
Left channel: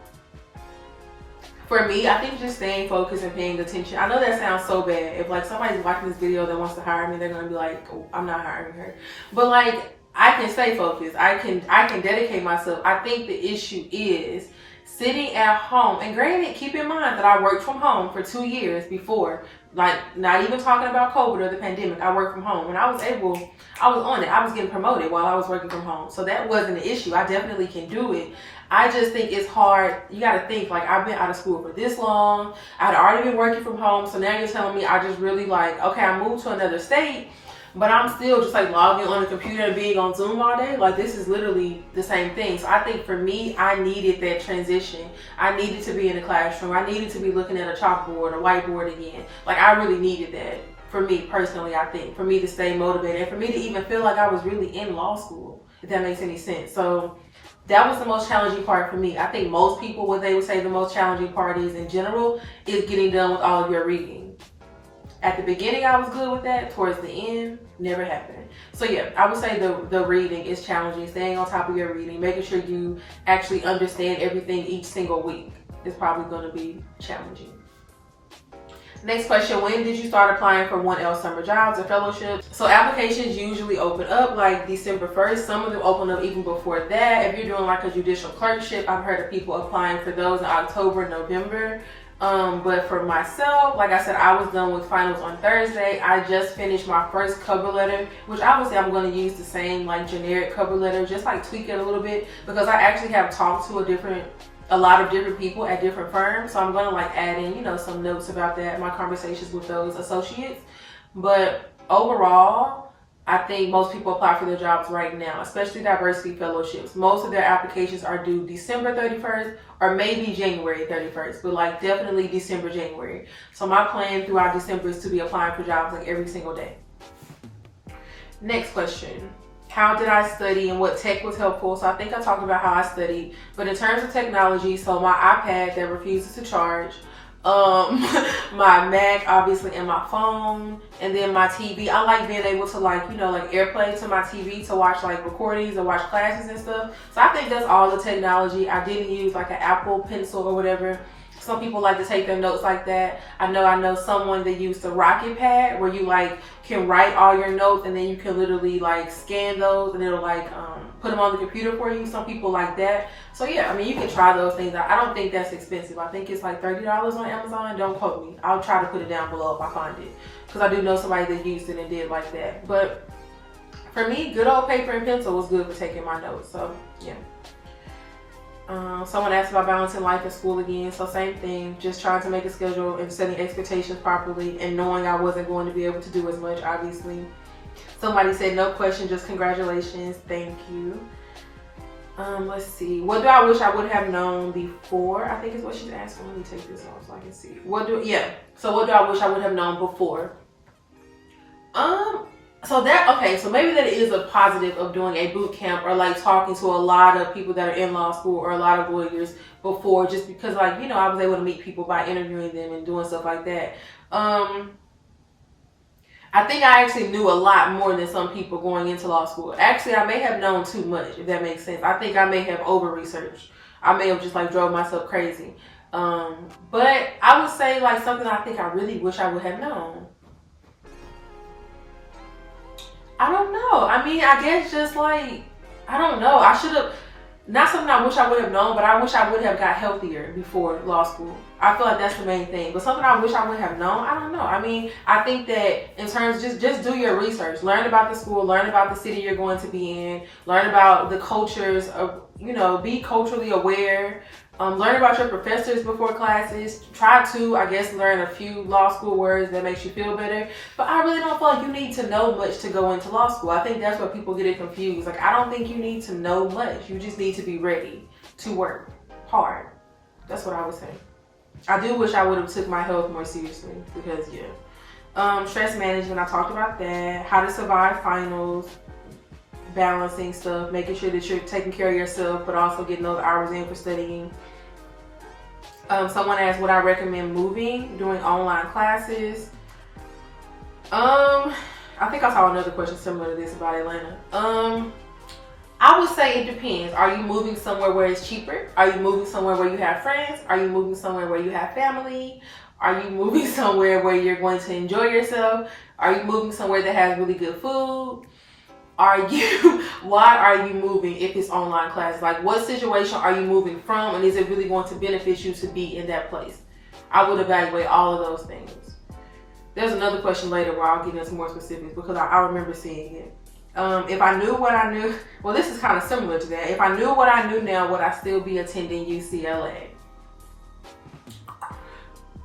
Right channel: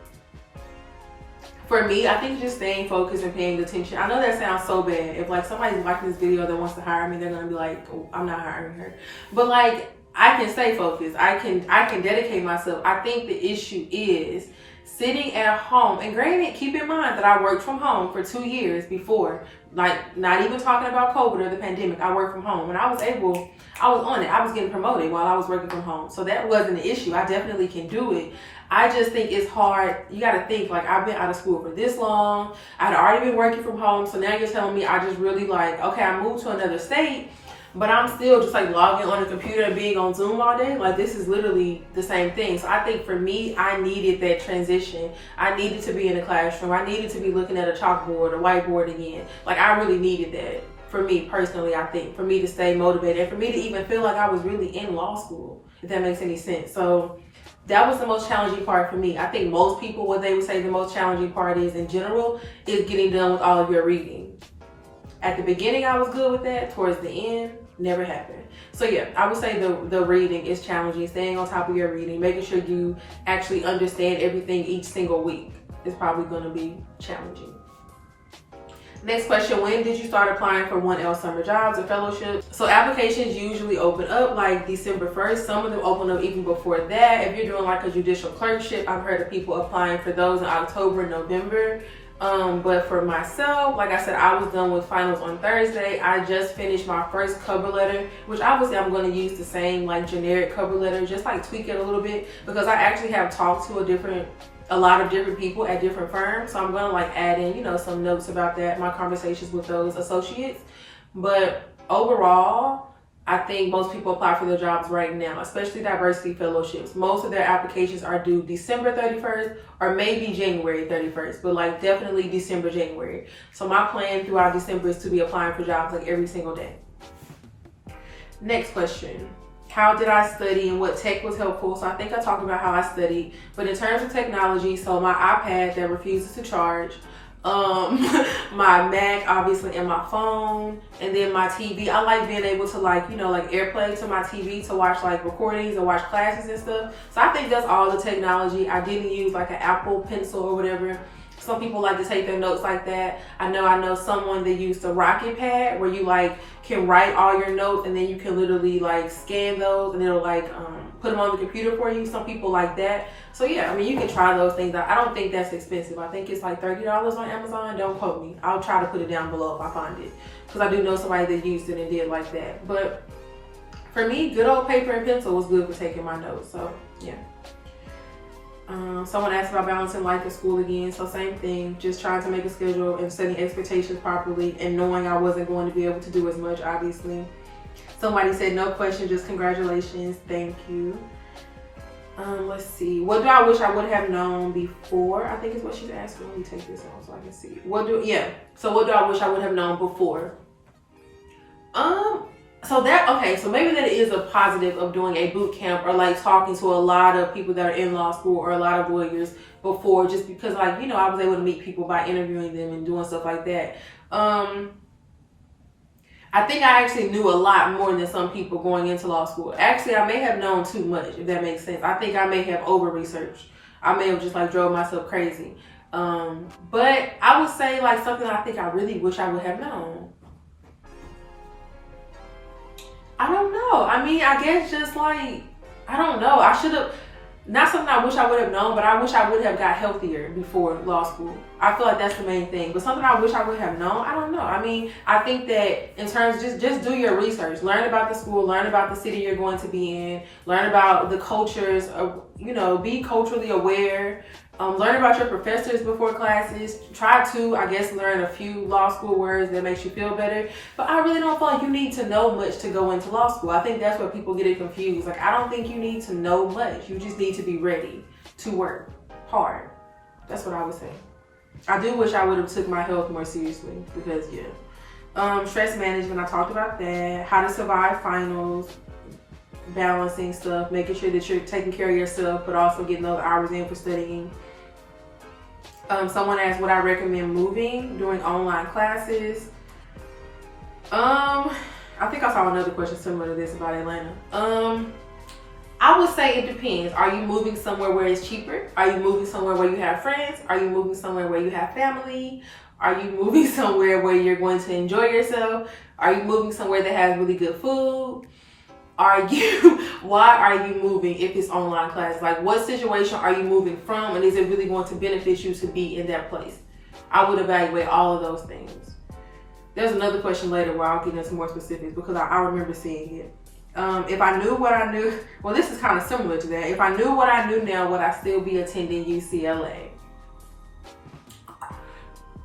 For me, I think just staying focused and paying attention. I know that sounds so bad. If like somebody's watching this video that wants to hire me, they're gonna be like, oh, I'm not hiring her. But like I can stay focused. I can dedicate myself. I think the issue is sitting at home, and granted, keep in mind that I worked from home for 2 years before, like not even talking about COVID or the pandemic. I worked from home and I was on it. I was getting promoted while I was working from home. So that wasn't an issue. I definitely can do it. I just think it's hard. You got to think like I've been out of school for this long. I'd already been working from home. So now you're telling me I just really like, okay, I moved to another state, but I'm still just like logging on the computer and being on Zoom all day. Like this is literally the same thing. So I think for me, I needed that transition. I needed to be in the classroom. I needed to be looking at a chalkboard, a whiteboard again. Like I really needed that for me personally, I think, for me to stay motivated and for me to even feel like I was really in law school, if that makes any sense. So that was the most challenging part for me. I think most people, what they would say the most challenging part is in general, is getting done with all of your reading. At the beginning, I was good with that. Towards the end, never happened. So yeah, I would say the reading is challenging. Staying on top of your reading, making sure you actually understand everything each single week is probably going to be challenging. Next question, when did you start applying for 1L summer jobs or fellowships? So applications usually open up like December 1st. Some of them open up even before that. If you're doing like a judicial clerkship, I've heard of people applying for those in October, November. But for myself, like I said, I was done with finals on Thursday. I just finished my first cover letter, which obviously I'm going to use the same like generic cover letter, just like tweak it a little bit, because I actually have talked to a lot of different people at different firms. So I'm going to like add in, you know, some notes about that, my conversations with those associates. But overall, I think most people apply for their jobs right now, especially diversity fellowships. Most of their applications are due December 31st or maybe January 31st, but like definitely December, January. So my plan throughout December is to be applying for jobs like every single day. Next question. How did I study and what tech was helpful? So I think I talked about how I studied, but in terms of technology, so my iPad that refuses to charge, my Mac obviously, and my phone, and then my TV. I like being able to like, you know, like AirPlay to my TV to watch like recordings and watch classes and stuff. So I think that's all the technology. I didn't use like an Apple Pencil or whatever. Some people like to take their notes like that. I know someone that used the Rocket Pad where you like can write all your notes and then you can literally like scan those and it'll like put them on the computer for you. Some people like that. So yeah, I mean, you can try those things out. I don't think that's expensive. I think it's like $30 on Amazon. Don't quote me. I'll try to put it down below if I find it, because I do know somebody that used it and did like that. But for me, good old paper and pencil was good for taking my notes. So yeah. Someone asked about balancing life and school again. So same thing, just trying to make a schedule and setting expectations properly and knowing I wasn't going to be able to do as much, obviously. Somebody said, no question, just congratulations. Thank you. Let's see. What do I wish I would have known before? I think is what she's asking. Let me take this off so I can see. So what do I wish I would have known before? So maybe that is a positive of doing a boot camp or like talking to a lot of people that are in law school or a lot of lawyers before, just because like, you know, I was able to meet people by interviewing them and doing stuff like that. I think I actually knew a lot more than some people going into law school. Actually, I may have known too much, if that makes sense. I think I may have over-researched. I may have just like drove myself crazy. But I would say like something I think I really wish I would have known. I don't know. I mean, I guess just like, I don't know. I should have, not something I wish I would have known, but I wish I would have got healthier before law school. I feel like that's the main thing. But something I wish I would have known, I don't know. I mean, I think that in terms, just do your research. Learn about the school, learn about the city you're going to be in, learn about the cultures, of, you know, be culturally aware. Learn about your professors before classes. Try to, I guess, learn a few law school words that makes you feel better. But I really don't feel like you need to know much to go into law school. I think that's where people get it confused. Like, I don't think you need to know much. You just need to be ready to work hard. That's what I would say. I do wish I would have took my health more seriously because, yeah. Stress management, I talked about that. How to survive finals. Balancing stuff. Making sure that you're taking care of yourself, but also getting those hours in for studying. Someone asked, would I recommend moving, doing online classes? I think I saw another question similar to this about Atlanta. I would say it depends. Are you moving somewhere where it's cheaper? Are you moving somewhere where you have friends? Are you moving somewhere where you have family? Are you moving somewhere where you're going to enjoy yourself? Are you moving somewhere that has really good food? Why are you moving if it's online class? Like, what situation are you moving from, and is it really going to benefit you to be in that place? I would evaluate all of those things. There's another question later where I'll get into more specifics because I remember seeing it. If I knew what I knew, well, this is kind of similar to that. If I knew what I knew now, would I still be attending UCLA?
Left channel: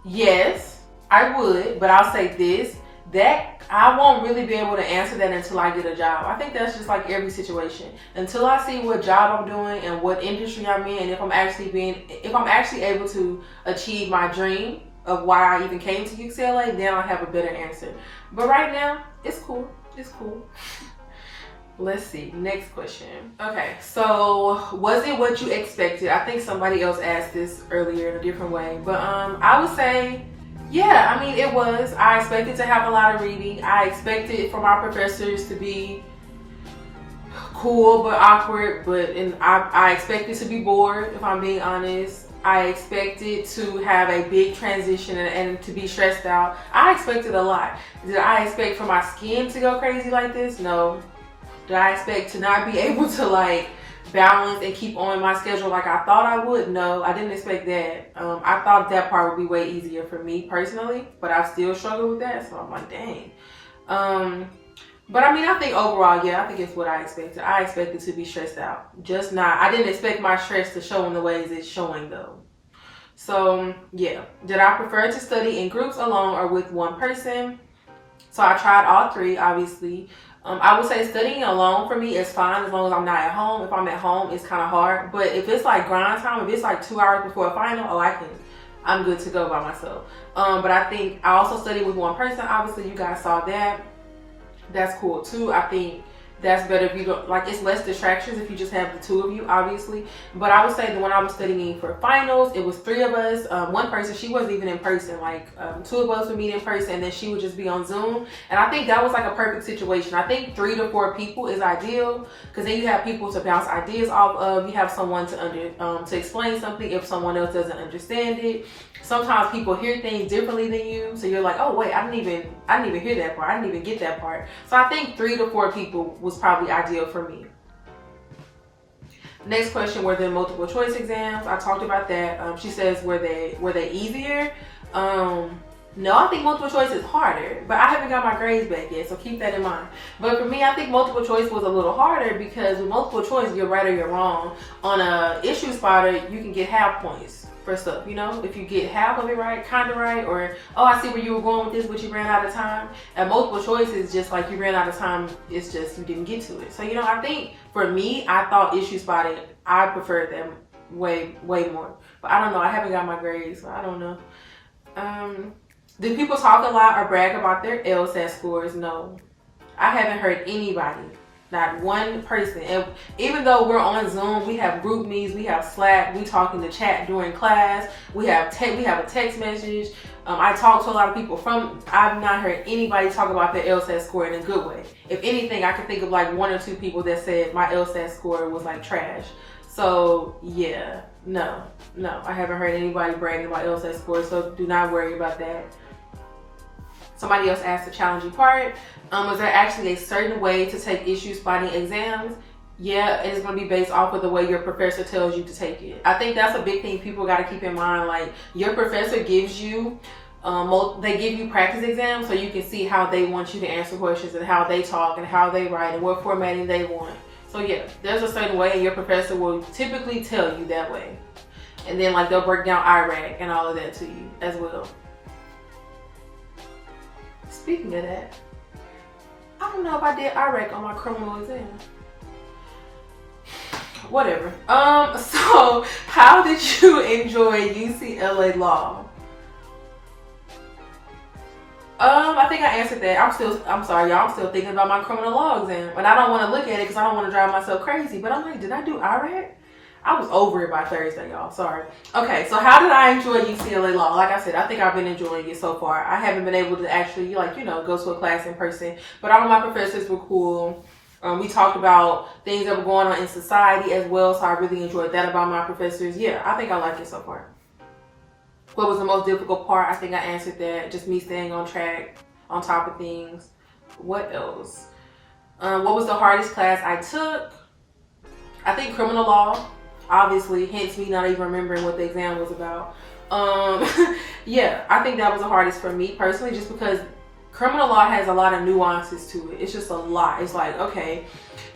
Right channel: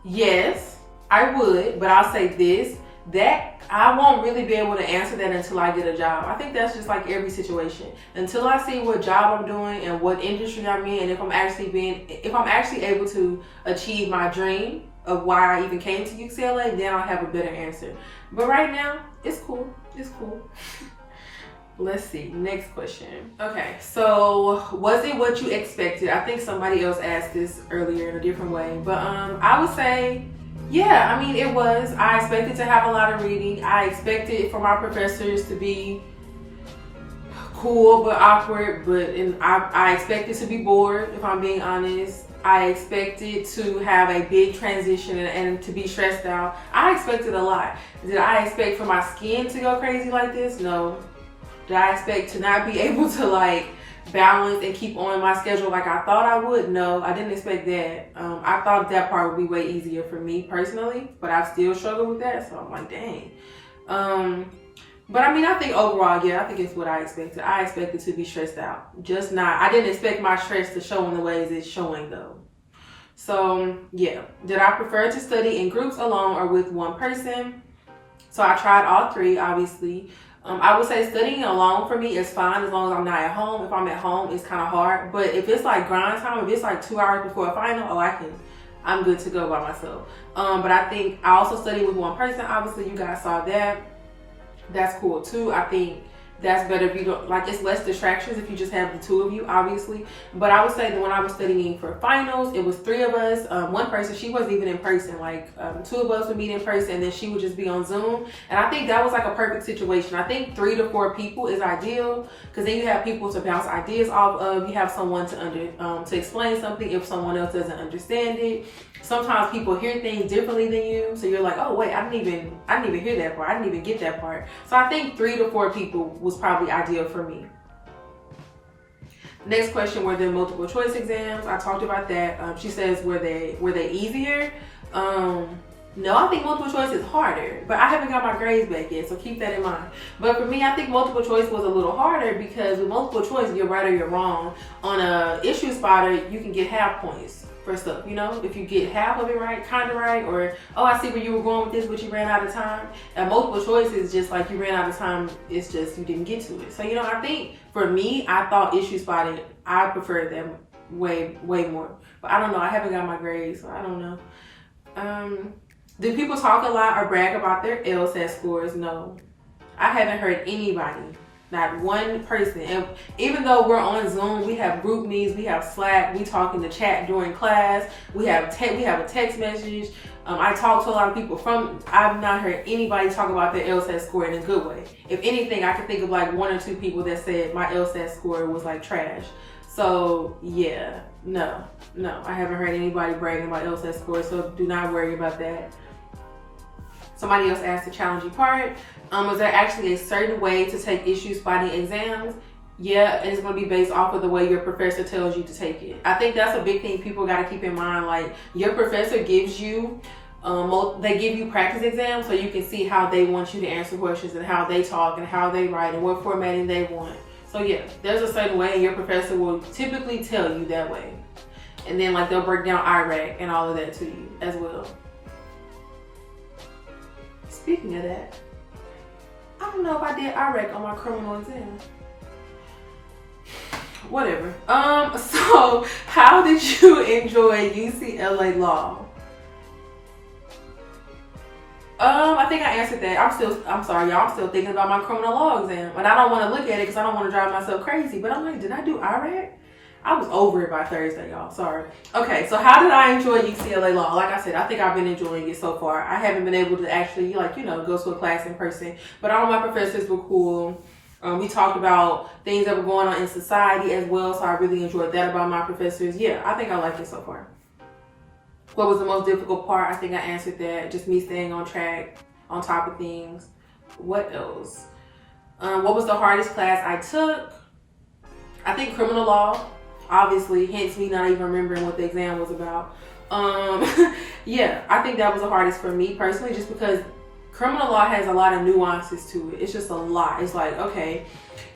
Yes, I would, but I'll say this, that I won't really be able to answer that until I get a job. I think that's just like every situation. Until I see what job I'm doing and what industry I'm in, and if I'm actually able to achieve my dream of why I even came to UCLA, then I'll have a better answer. But right now, it's cool. It's cool. Let's see. Next question. Okay, so was it what you expected? I think somebody else asked this earlier in a different way, but I would say, yeah, I mean, it was. I expected to have a lot of reading. I expected for my professors to be cool but awkward, I expected to be bored, if I'm being honest. I expected to have a big transition and to be stressed out. I expected a lot. Did I expect for my skin to go crazy like this? No. Did I expect to not be able to like balance and keep on my schedule like I thought I would? No, I didn't expect that. I thought that part would be way easier for me personally, but I've still struggled with that, so I'm like, dang. But I mean, I think overall, yeah, I think it's what I expected. I expected to be stressed out. Just not, I didn't expect my stress to show in the ways it's showing though. So yeah, did I prefer to study in groups alone or with one person? So I tried all three, obviously. I would say studying alone for me is fine as long as I'm not at home. If I'm at home, it's kind of hard. But if it's like grind time, if it's like 2 hours before a final, I'm good to go by myself. But I think I also study with one person. Obviously, you guys saw that. That's cool too. I think that's better if you don't, like, it's less distractions if you just have the two of you, obviously. But I would say that when I was studying for finals, it was 3 of us. One person, she wasn't even in person. Like, 2 of us would meet in person, and then she would just be on Zoom. And I think that was like a perfect situation. I think 3 to 4 people is ideal, because then you have people to bounce ideas off of. You have someone to explain something if someone else doesn't understand it. Sometimes people hear things differently than you, so you're like, oh wait, I didn't even hear that part. I didn't even get that part. So I think 3 to 4 people was probably ideal for me. Next question, were there multiple choice exams? I talked about that. She says, were they easier? No, I think multiple choice is harder, but I haven't got my grades back yet, so keep that in mind. But for me, I think multiple choice was a little harder, because with multiple choice, you're right or you're wrong. On a issue spotter, you can get half points for stuff, you know? If you get half of it right, kind of right, or, oh, I see where you were going with this, but you ran out of time. And multiple choice is just like you ran out of time, it's just you didn't get to it. So, you know, I think for me, I thought issue spotting, I preferred them way more. But I don't know, I haven't got my grades, so I don't know. Do people talk a lot or brag about their LSAT scores? No. I haven't heard anybody, not one person. And even though we're on Zoom, we have group meets, we have Slack, we talk in the chat during class, we have a text message. I talk to a lot of people I've not heard anybody talk about their LSAT score in a good way. If anything, I can think of like 1 or 2 people that said my LSAT score was like trash. So yeah, no, I haven't heard anybody bragging about LSAT scores, so do not worry about that. Somebody else asked the challenging part. Is there actually a certain way to take issue spotting exams? Yeah, it's going to be based off of the way your professor tells you to take it. I think that's a big thing people got to keep in mind. Like, your professor gives you, they give you practice exams so you can see how they want you to answer questions and how they talk and how they write and what formatting they want. So yeah, there's a certain way, and your professor will typically tell you that way. And then like they'll break down IRAC and all of that to you as well. Speaking of that, I don't know if I did IRAC on my criminal exam. Whatever. So how did you enjoy UCLA law? I think I answered that. I'm sorry, y'all. I'm still thinking about my criminal law exam, and I don't want to look at it because I don't want to drive myself crazy. But I'm like, did I do IRAC? I was over it by Thursday, y'all. Sorry. Okay, so how did I enjoy UCLA law? Like I said, I think I've been enjoying it so far. I haven't been able to actually, like, you know, go to a class in person, but all of my professors were cool. We talked about things that were going on in society as well, so I really enjoyed that about my professors. Yeah, I think I like it so far. What was the most difficult part? I think I answered that. Just me staying on track, on top of things. What else? What was the hardest class I took? I think criminal law, obviously, hence me not even remembering what the exam was about. Yeah, I think that was the hardest for me personally, just because criminal law has a lot of nuances to it. It's just a lot. It's like, okay,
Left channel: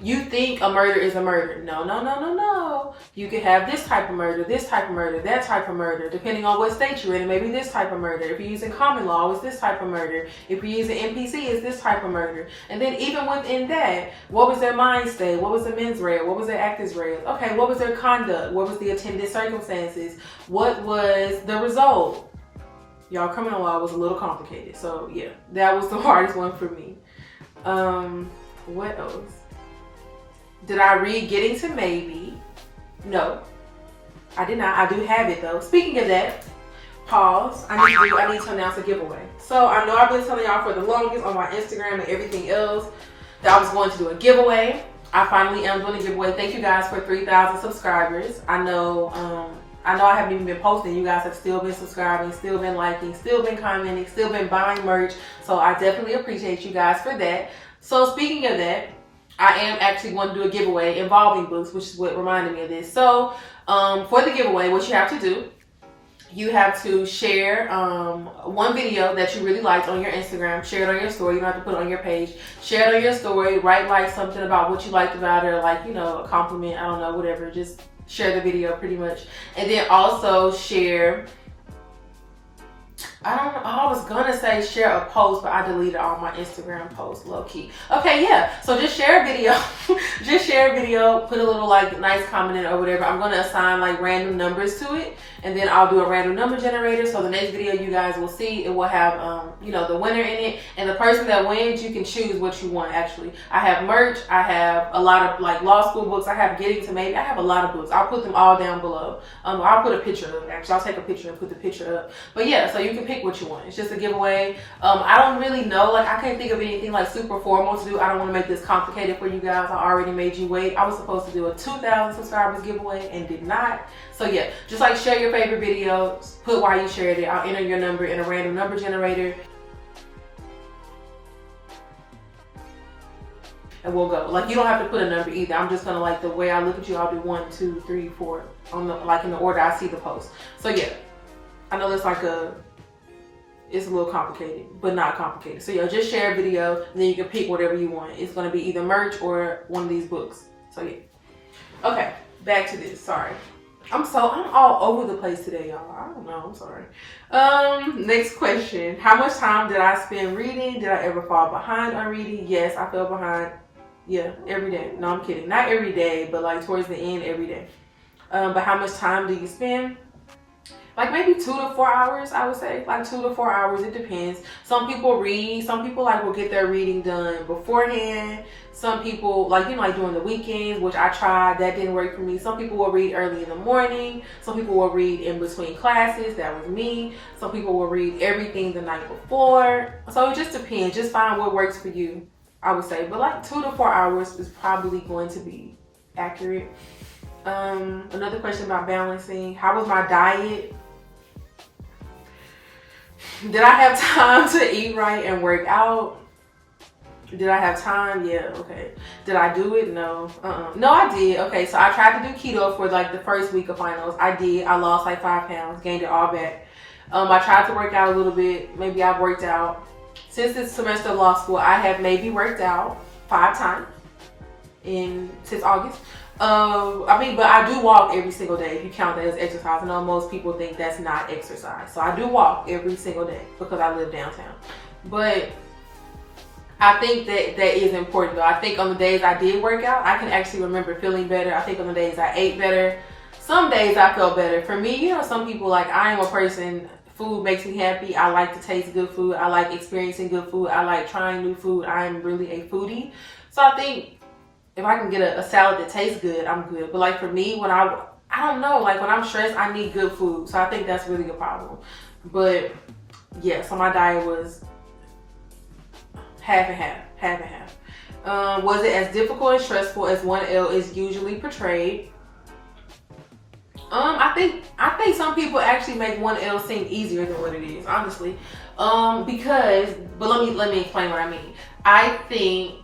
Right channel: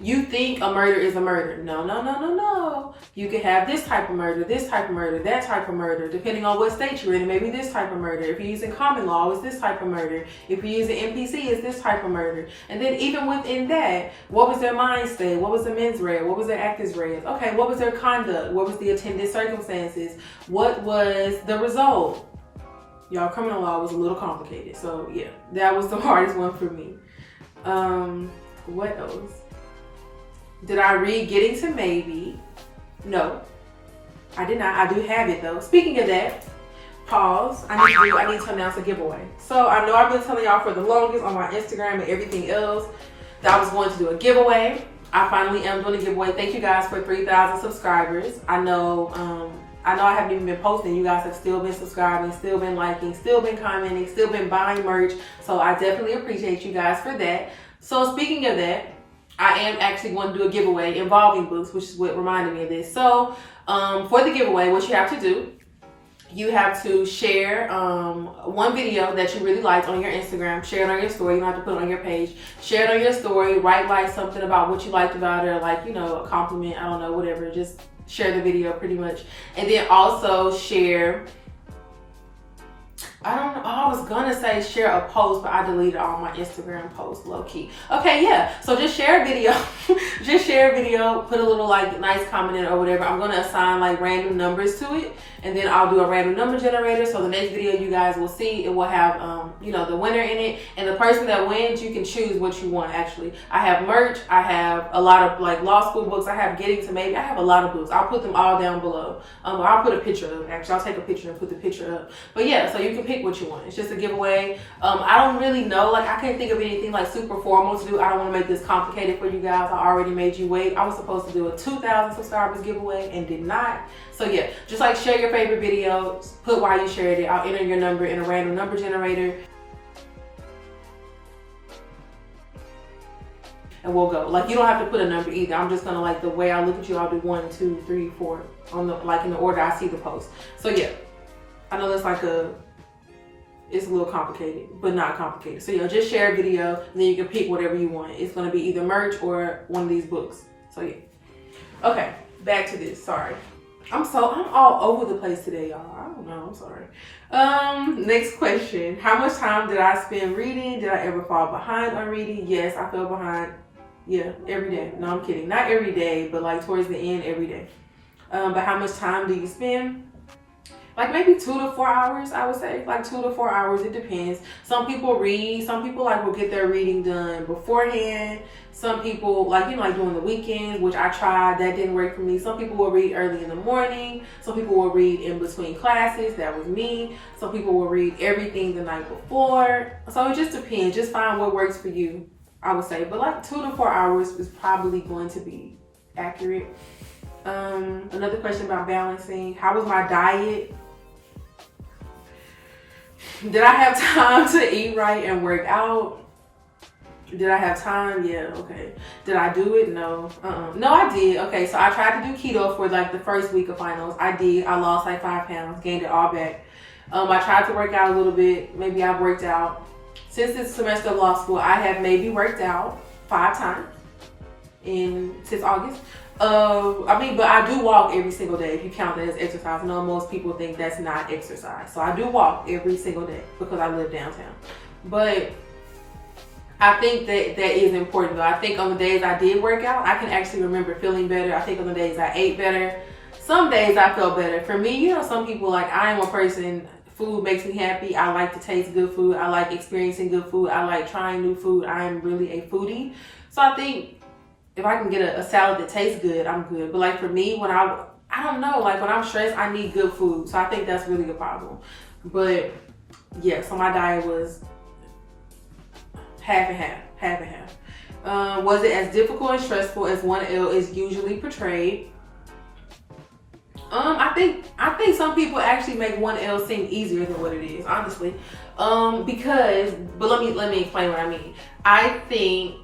you think a murder is a murder. No. You could have this type of murder, this type of murder, that type of murder, depending on what state you're in. Maybe this type of murder. If you're using common law, it's this type of murder. If you're using NPC, it's this type of murder. And then even within that, what was their mind state? What was the mens rea? What was their actus reus? Okay, what was their conduct? What was the attendant circumstances? What was the result? Y'all, criminal law was a little complicated. So yeah, that was the hardest one for me. What else? Did I read Getting to Maybe? No, I did not. I do have it though. Speaking of that, pause. I need to announce a giveaway. So I know I've been telling y'all for the longest on my Instagram and everything else that I was going to do a giveaway. I finally am doing a giveaway. Thank you guys for 3,000 subscribers. I know I haven't even been posting. You guys have still been subscribing, still been liking, still been commenting, still been buying merch. So I definitely appreciate you guys for that. So speaking of that, I am actually going to do a giveaway involving books, which is what reminded me of this. So for the giveaway, what you have to do, you have to share one video that you really liked on your Instagram. Share it on your story. You don't have to put it on your page. Share it on your story. Write like something about what you liked about it, or like, you know, a compliment. I don't know, whatever. Just share the video pretty much. And then also share I don't know. I was gonna say share a post, but I deleted all my Instagram posts, low key. Okay, yeah. So just share a video. Just share a video, put a little like nice comment in or whatever. I'm gonna assign like random numbers to it, and then I'll do a random number generator. So the next video you guys will see, it will have the winner in it, and the person that wins, you can choose what you want. Actually, I have merch. I have a lot of like law school books. I have Getting to Maybe. I have a lot of books. I'll put them all down below. I'll put a picture of it. Actually, I'll take a picture and put the picture up. But yeah, so you can pick what you want. It's just a giveaway. I don't really know. Like, I can't think of anything like super formal to do. I don't want to make this complicated for you guys. I already made you wait. I was supposed to do a 2,000 subscribers giveaway and did not. So yeah, just like share your favorite video, put why you shared it. I'll enter your number in a random number generator, and we'll go. Like, you don't have to put a number either. I'm just gonna, like, the way I look at you, I'll do 1, 2, 3, 4 on the, like, in the order I see the post. So yeah, I know it's like it's a little complicated, but not complicated. So yeah, just share a video and then you can pick whatever you want. It's gonna be either merch or one of these books. So yeah. Okay, back to this. Sorry. I'm all over the place today, y'all. I don't know, I'm sorry. Next question. How much time did I spend reading? Did I ever fall behind on reading? Yes, I fell behind. Yeah, every day. No, I'm kidding. Not every day, but like towards the end, every day. But how much time do you spend? Like maybe 2 to 4 hours, I would say. Like 2 to 4 hours, it depends. Some people read. Some people like will get their reading done beforehand. Some people like during the weekends, which I tried, that didn't work for me. Some people will read early in the morning. Some people will read in between classes. That was me. Some people will read everything the night before. So it just depends. Just find what works for you, I would say. But like 2 to 4 hours is probably going to be accurate. Another question about balancing. How was my diet? Did I have time to eat right and work out? Did I have time? Yeah, okay. Did I do it? No. No, I did. Okay, so I tried to do keto for like the first week of finals. I did. I lost like 5 pounds, gained it all back. I tried to work out a little bit. Maybe I've worked out. Since this semester of law school, I have maybe worked out 5 times since August. But I do walk every single day if you count that as exercise. I know most people think that's not exercise. So I do walk every single day because I live downtown. But I think that is important though. I think on the days I did work out, I can actually remember feeling better. I think on the days I ate better, some days I felt better. For me, some people like, I am a person, food makes me happy. I like to taste good food. I like experiencing good food. I like trying new food. I am really a foodie. So I think if I can get a salad that tastes good, I'm good. But like for me, when I don't know, like when I'm stressed, I need good food. So I think that's really a problem. But yeah, so my diet was half and half. Was it as difficult and stressful as 1L is usually portrayed? I think some people actually make 1L seem easier than what it is, honestly. But let me explain what I mean. I think,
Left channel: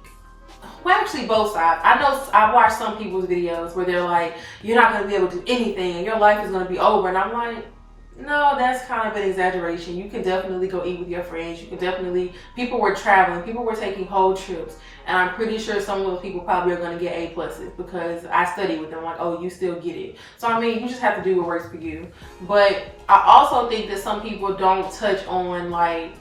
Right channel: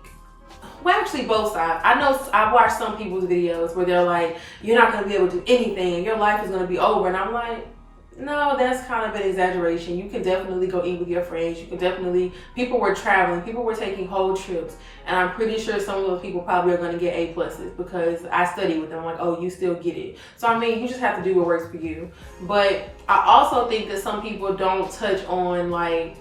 well, actually both sides. I know I've watched some people's videos where they're like, you're not going to be able to do anything and your life is going to be over. And I'm like, no, that's kind of an exaggeration. You can definitely go eat with your friends. People were traveling. People were taking whole trips. And I'm pretty sure some of those people probably are going to get A+ because I study with them. Like, oh, you still get it. So, I mean, you just have to do what works for you. But I also think that some people don't touch on, like,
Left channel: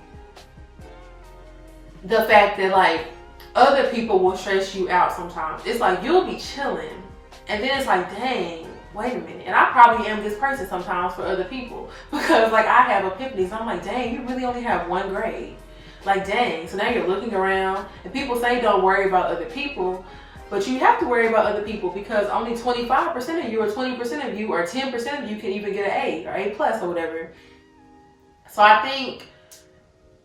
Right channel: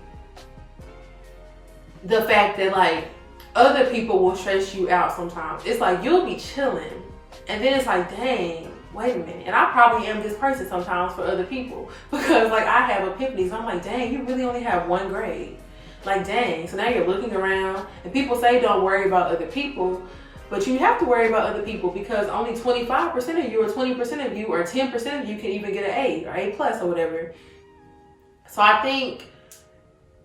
the fact that, like, other people will stress you out sometimes. It's like, you'll be chilling. And then it's like, dang. Wait a minute. And I probably am this person sometimes for other people because like I have epiphanies. I'm like, dang, you really only have 1 grade. Like, dang. So now you're looking around and people say don't worry about other people, but you have to worry about other people because only 25% of you or 20% of you or 10% of you can even get an A or A+ or whatever. So I think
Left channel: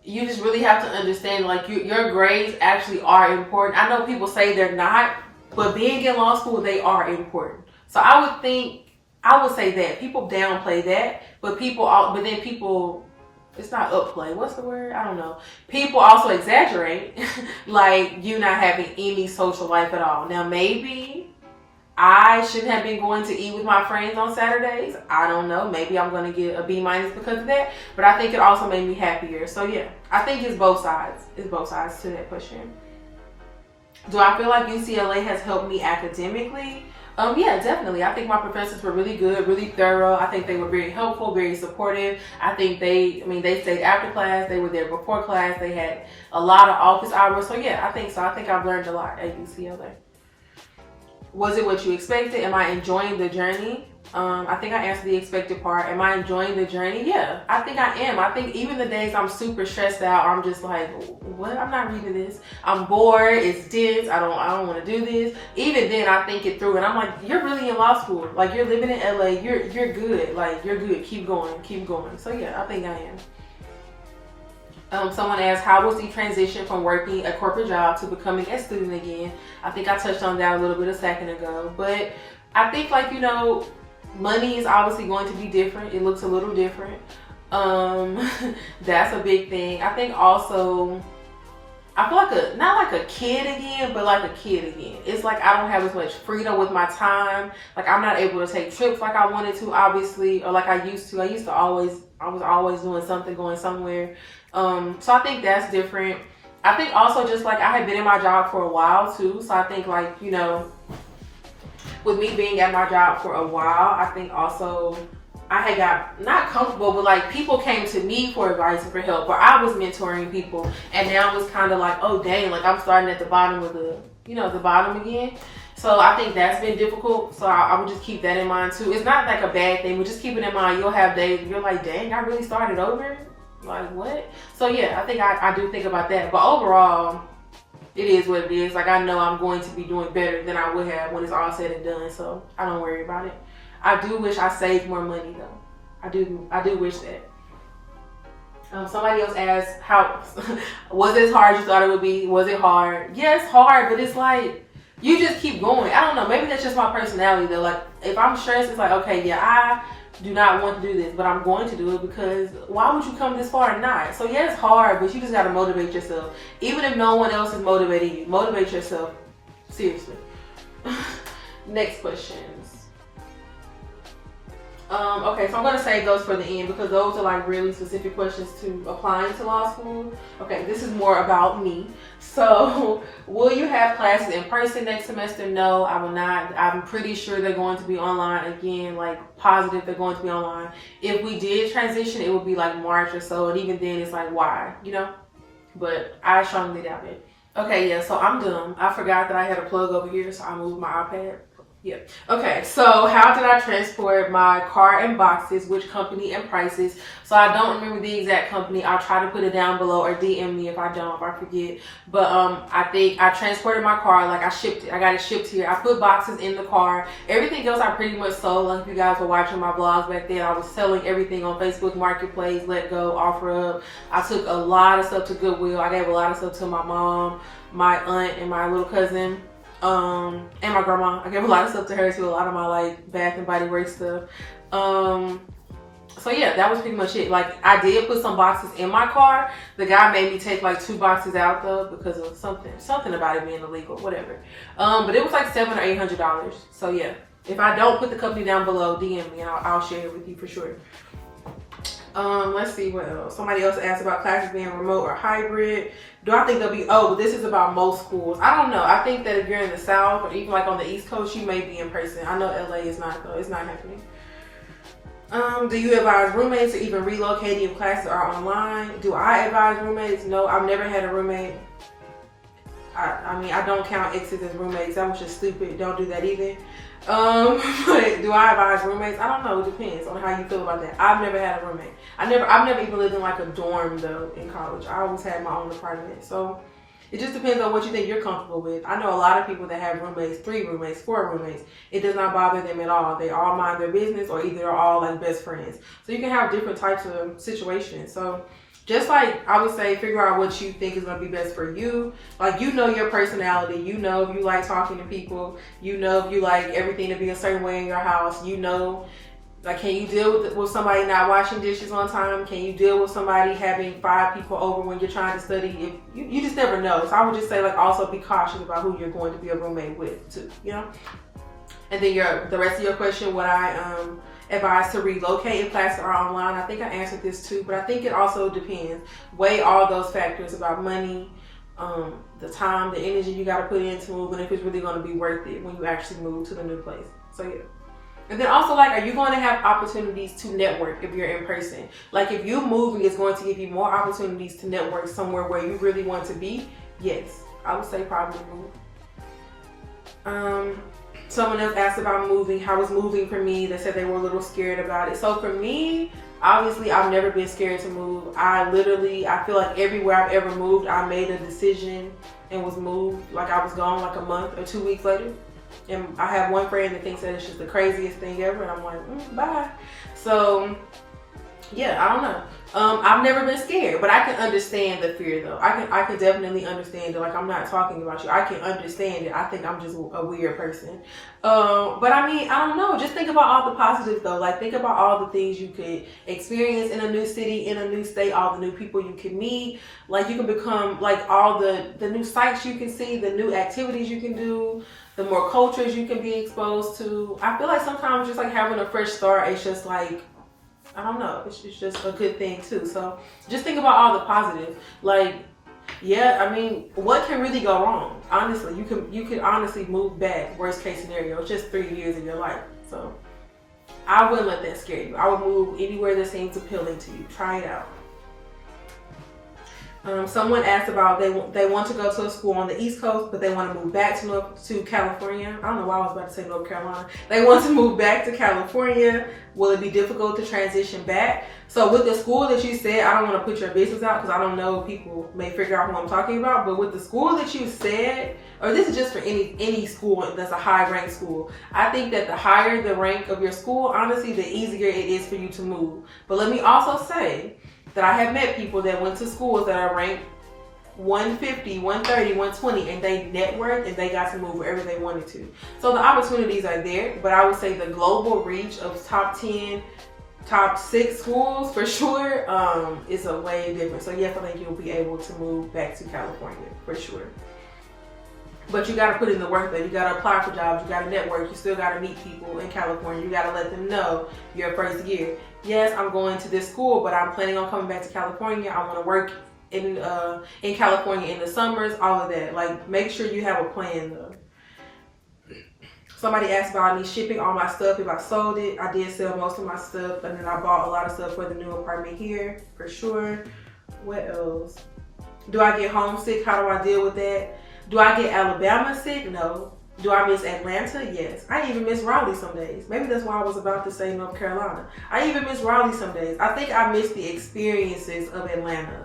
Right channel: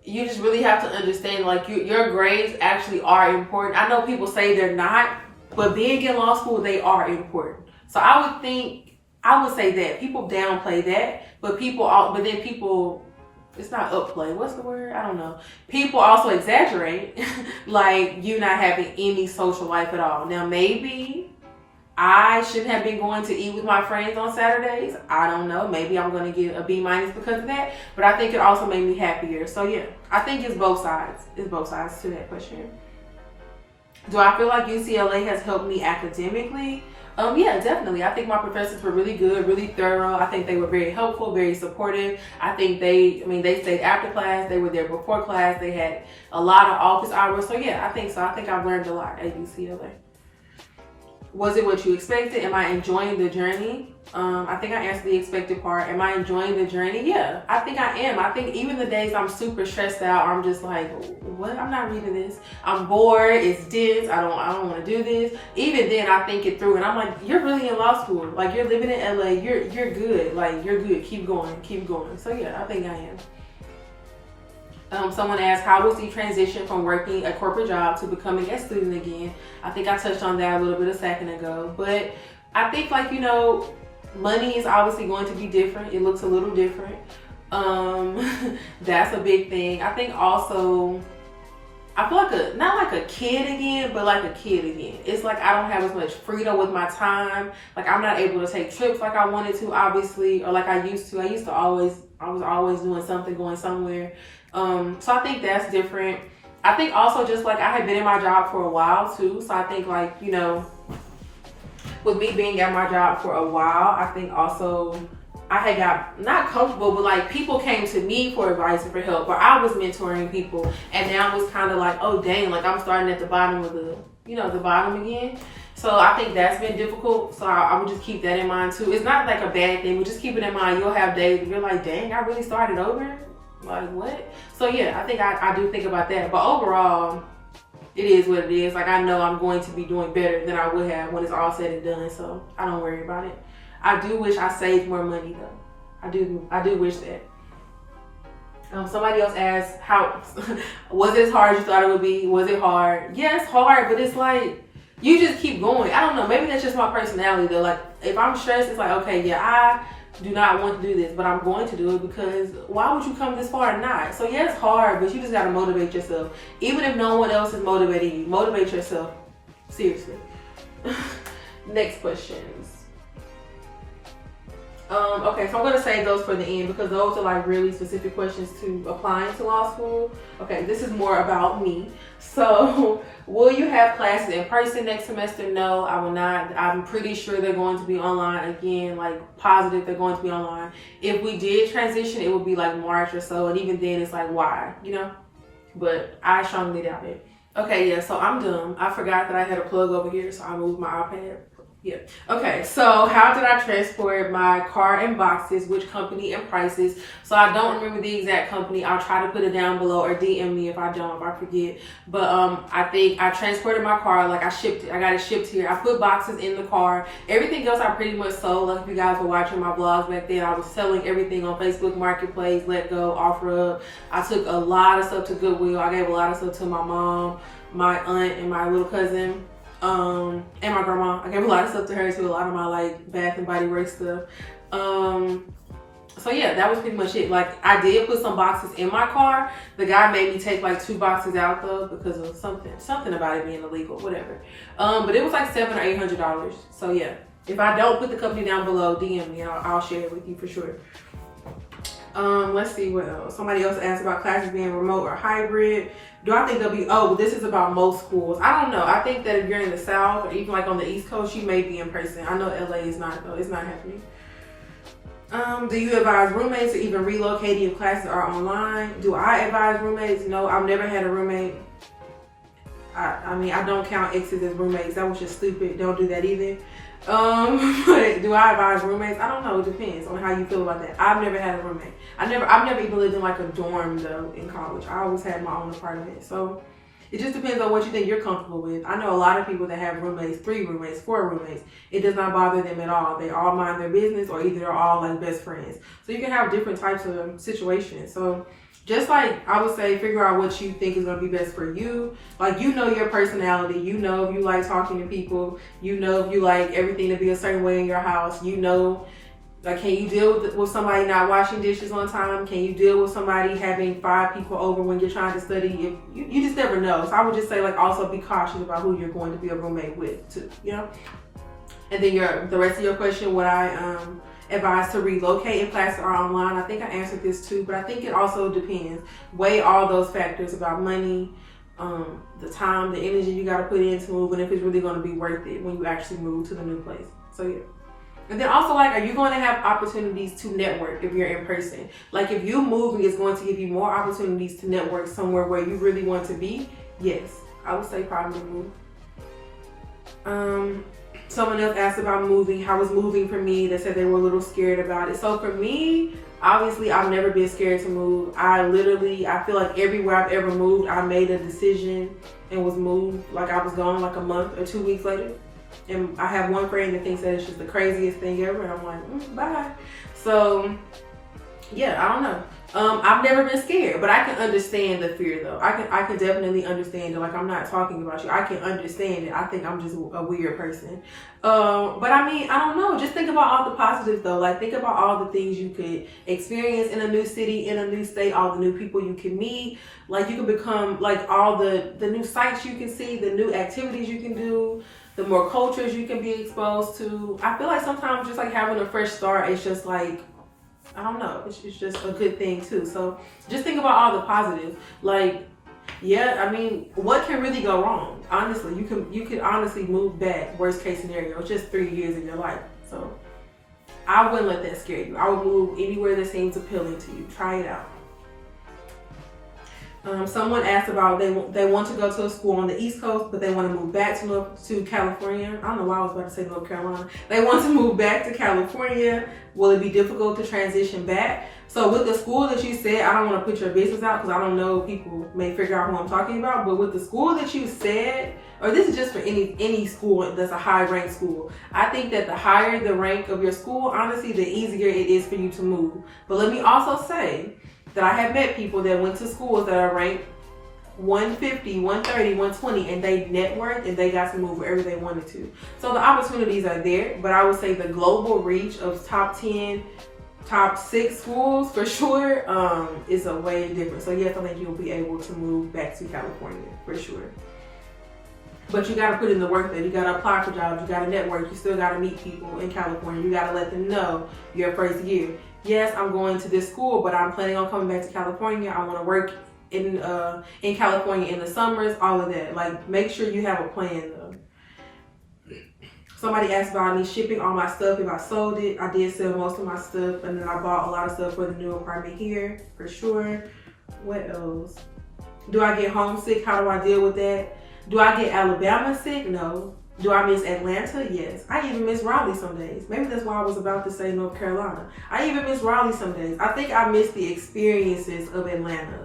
you just really have to understand like your grades actually are important. I know people say they're not, but being in law school, they are important. So I would say that people downplay that, but then people, it's not upplay. What's the word? I don't know. People also exaggerate, like you not having any social life at all. Now maybe I shouldn't have been going to eat with my friends on Saturdays. I don't know. Maybe I'm going to get a B- because of that, but I think it also made me happier. So yeah, I think it's both sides. It's both sides to that question. Do I feel like UCLA has helped me academically? Yeah, definitely. I think my professors were really good, really thorough. I think they were very helpful, very supportive. I think they stayed after class. They were there before class. They had a lot of office hours. So yeah, I think so. I think I've learned a lot at UCLA. Was it what you expected? Am I enjoying the journey? I think I answered the expected part. Am I enjoying the journey? Yeah, I think I am. I think even the days I'm super stressed out, I'm just like, what? I'm not reading this. I'm bored. It's dense. I don't want to do this. Even then, I think it through, and I'm like, you're really in law school. Like, you're living in LA. You're good. Like, you're good. Keep going. Keep going. So yeah, I think I am. Someone asked, how was the transition from working a corporate job to becoming a student again? I think I touched on that a little bit a second ago, but I think, like, you know, money is obviously going to be different. It looks a little different. That's a big thing. I think also, I feel like not like a kid again, but like a kid again. It's like I don't have as much freedom with my time. Like, I'm not able to take trips like I wanted to, obviously, or like I used to. I was always doing something, going somewhere. So I think that's different. I think also just like I had been in my job for a while too. So I think, like, you know, with me being at my job for a while, I think also I had got not comfortable, but like people came to me for advice and for help, or I was mentoring people, and now it's kind of like, oh dang, like I'm starting at the bottom of the bottom again. So I think that's been difficult. So I would just keep that in mind too. It's not like a bad thing, but just keep it in mind. You'll have days you're like, dang, I really started over. Like, what? So yeah, I think I do think about that. But overall, it is what it is. Like, I know I'm going to be doing better than I would have when it's all said and done. So I don't worry about it. I do wish I saved more money though. I do wish that. Somebody else asked, how was it as hard as you thought it would be? Was it hard? Yeah, it's hard, but it's like you just keep going. I don't know. Maybe that's just my personality though. Like, if I'm stressed, it's like, okay, yeah, I do not want to do this, but I'm going to do it, because why would you come this far and not? So yeah, it's hard, but you just got to motivate yourself. Even if no one else is motivating you, motivate yourself. Seriously. Next questions. Okay, so I'm going to save those for the end, because those are like really specific questions to applying to law school. Okay, this is more about me. So, will you have classes in person next semester? No, I will not. I'm pretty sure they're going to be online again, like positive they're going to be online. If we did transition, it would be like March or so, and even then it's like, why, you know? But I strongly doubt it. Okay, yeah, so I'm done. I forgot that I had a plug over here, so I moved my iPad. Yeah. Okay, so how did I transport my car and boxes, which company and prices? So I don't remember the exact company. I'll try to put it down below, or DM me if I forget. But I think I transported my car, like I shipped it. I got it shipped here. I put boxes in the car. Everything else I pretty much sold. Like, if you guys were watching my vlogs back then, I was selling everything on Facebook Marketplace, Let Go, OfferUp. I took a lot of stuff to Goodwill. I gave a lot of stuff to my mom, my aunt, and my little cousin. And my grandma. I gave a lot of stuff to her too, a lot of my like Bath and Body Works stuff. So yeah, that was pretty much it. Like, I did put some boxes in my car. The guy made me take like 2 boxes out though, because of something about it being illegal, whatever. But it was like $700 or $800. So yeah, if I don't put the company down below, DM me. I'll share it with you for sure. Let's see what else. Somebody else asked about classes being remote or hybrid. Do I think they'll be, but this is about most schools. I don't know. I think that if you're in the South, or even like on the East Coast, you may be in person. I know LA is not though. It's not happening. Do you advise roommates or even relocating if classes are online? Do I advise roommates? No, I've never had a roommate. I mean, I don't count exes as roommates. That was just stupid. Don't do that either. But do I advise roommates? I don't know. It depends on how you feel about that. I've never had a roommate. I've never even lived in like a dorm though in college. I always had my own apartment. So it just depends on what you think you're comfortable with. I know a lot of people that have roommates, 3 roommates, 4 roommates. It does not bother them at all. They all mind their business, or either they're all like best friends. So you can have different types of situations. So just like I would say, figure out what you think is going to be best for you. Like, you know your personality. You know if you like talking to people. You know if you like everything to be a certain way in your house. You know, like, can you deal with somebody not washing dishes on time? Can you deal with somebody having 5 people over when you're trying to study? If you just never know. So I would just say, like, also be cautious about who you're going to be a roommate with too, you know? And then the rest of your question, would I advise to relocate if classes are online? I think I answered this too, but I think it also depends. Weigh all those factors about money, the time, the energy you got to put in to move, and if it's really going to be worth it when you actually move to the new place. So yeah. And then also, like, are you going to have opportunities to network if you're in person? Like, if you moving is going to give you more opportunities to network somewhere where you really want to be, yes, I would say probably move. Someone else asked about moving. How was moving for me? They said they were a little scared about it. So for me, obviously, I've never been scared to move. I feel like everywhere I've ever moved, I made a decision and was moved. Like, I was gone like a month or 2 weeks later. And I have one friend that thinks that it's just the craziest thing ever. And I'm like, bye. So yeah, I don't know. I've never been scared, but I can understand the fear though. I can definitely understand it. Like, I'm not talking about you. I can understand it. I think I'm just a weird person. But I mean, I don't know. Just think about all the positives though. Like, think about all the things you could experience in a new city, in a new state, all the new people you can meet. Like, you can become, like, all the new sights you can see, the new activities you can do, the more cultures you can be exposed to. I feel like sometimes just like having a fresh start, it's just like, I don't know, it's just a good thing too. So just think about all the positives. Like, yeah, I mean, what can really go wrong? Honestly, you can honestly move back. Worst case scenario, it's just 3 years of your life. So I wouldn't let that scare you. I would move anywhere that seems appealing to you. Try it out. Someone asked about they want to go to a school on the East Coast, but they want to move back to California. I don't know why I was about to say North Carolina. They want to move back to California. Will it be difficult to transition back? So with the school that you said, I don't want to put your business out because I don't know, people may figure out who I'm talking about. But with the school that you said, or this is just for any school that's a high ranked school, I think that the higher the rank of your school, honestly, the easier it is for you to move. But let me also say that I have met people that went to schools that are ranked 150, 130, 120, and they networked and they got to move wherever they wanted to. So the opportunities are there, but I would say the global reach of top 10, top 6 schools for sure is a way different. So yes, I think you'll be able to move back to California for sure. But you got to put in the work there. You got to apply for jobs. You got to network. You still got to meet people in California. You got to let them know your first year. Yes, I'm going to this school, but I'm planning on coming back to California. I want to work in California in the summers, all of that. Like, make sure you have a plan though. Somebody asked about me shipping all my stuff if I sold it. I did sell most of my stuff, and then I bought a lot of stuff for the new apartment here, for sure. What else? Do I get homesick? How do I deal with that? Do I get Alabama sick? No. Do I miss Atlanta? Yes. I even miss Raleigh some days. Maybe that's why I was about to say North Carolina. I even miss Raleigh some days. I think I miss the experiences of Atlanta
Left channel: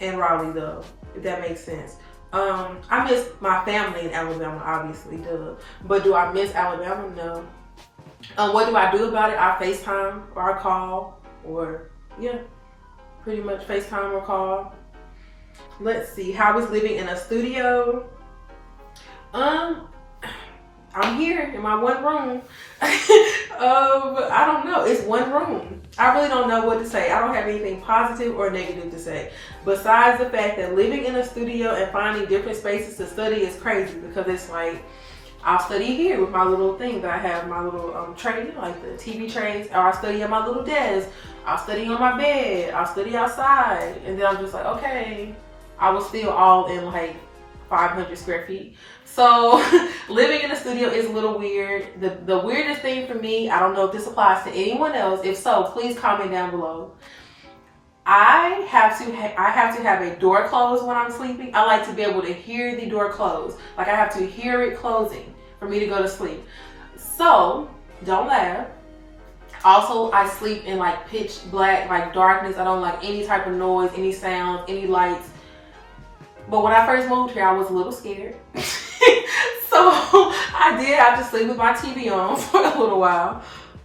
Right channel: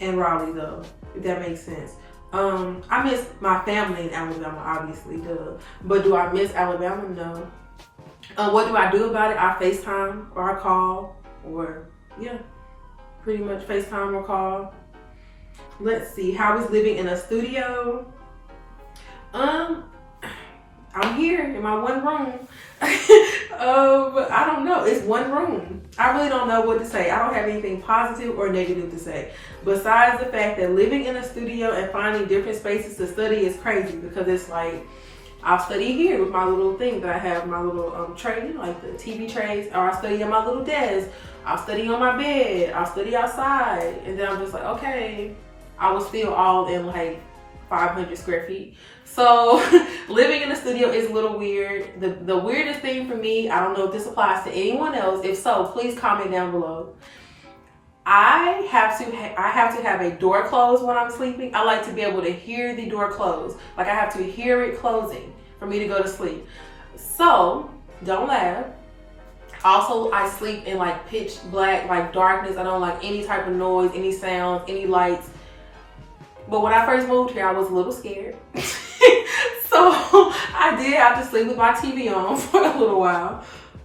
and Raleigh though, if that makes sense. I miss my family in Alabama, obviously, duh. But do I miss Alabama? No. What do I do about it? I FaceTime or I call, or yeah, pretty much FaceTime or call. Let's see, how is living in a studio? I'm here in my one room. I don't know. It's one room. I really don't know what to say. I don't have anything positive or negative to say. Besides the fact that living in a studio and finding different spaces to study is crazy, because it's like, I'll study here with my little thing that I have, my little tray, like the TV trays, or I'll study at my little desk. I'll study on my bed. I'll study outside. And then I'm just like, okay, I was still all in like 500 square feet. So living in a studio is a little weird. The weirdest thing for me, I don't know if this applies to anyone else. If so, please comment down below. I have to have a door closed when I'm sleeping. I like to be able to hear the door close. Like, I have to hear it closing for me to go to sleep. So don't laugh. Also, I sleep in like pitch black, like darkness. I don't like any type of noise, any sounds, any lights. But when I first moved here, I was a little scared. So I did have to sleep with my TV on for a little while,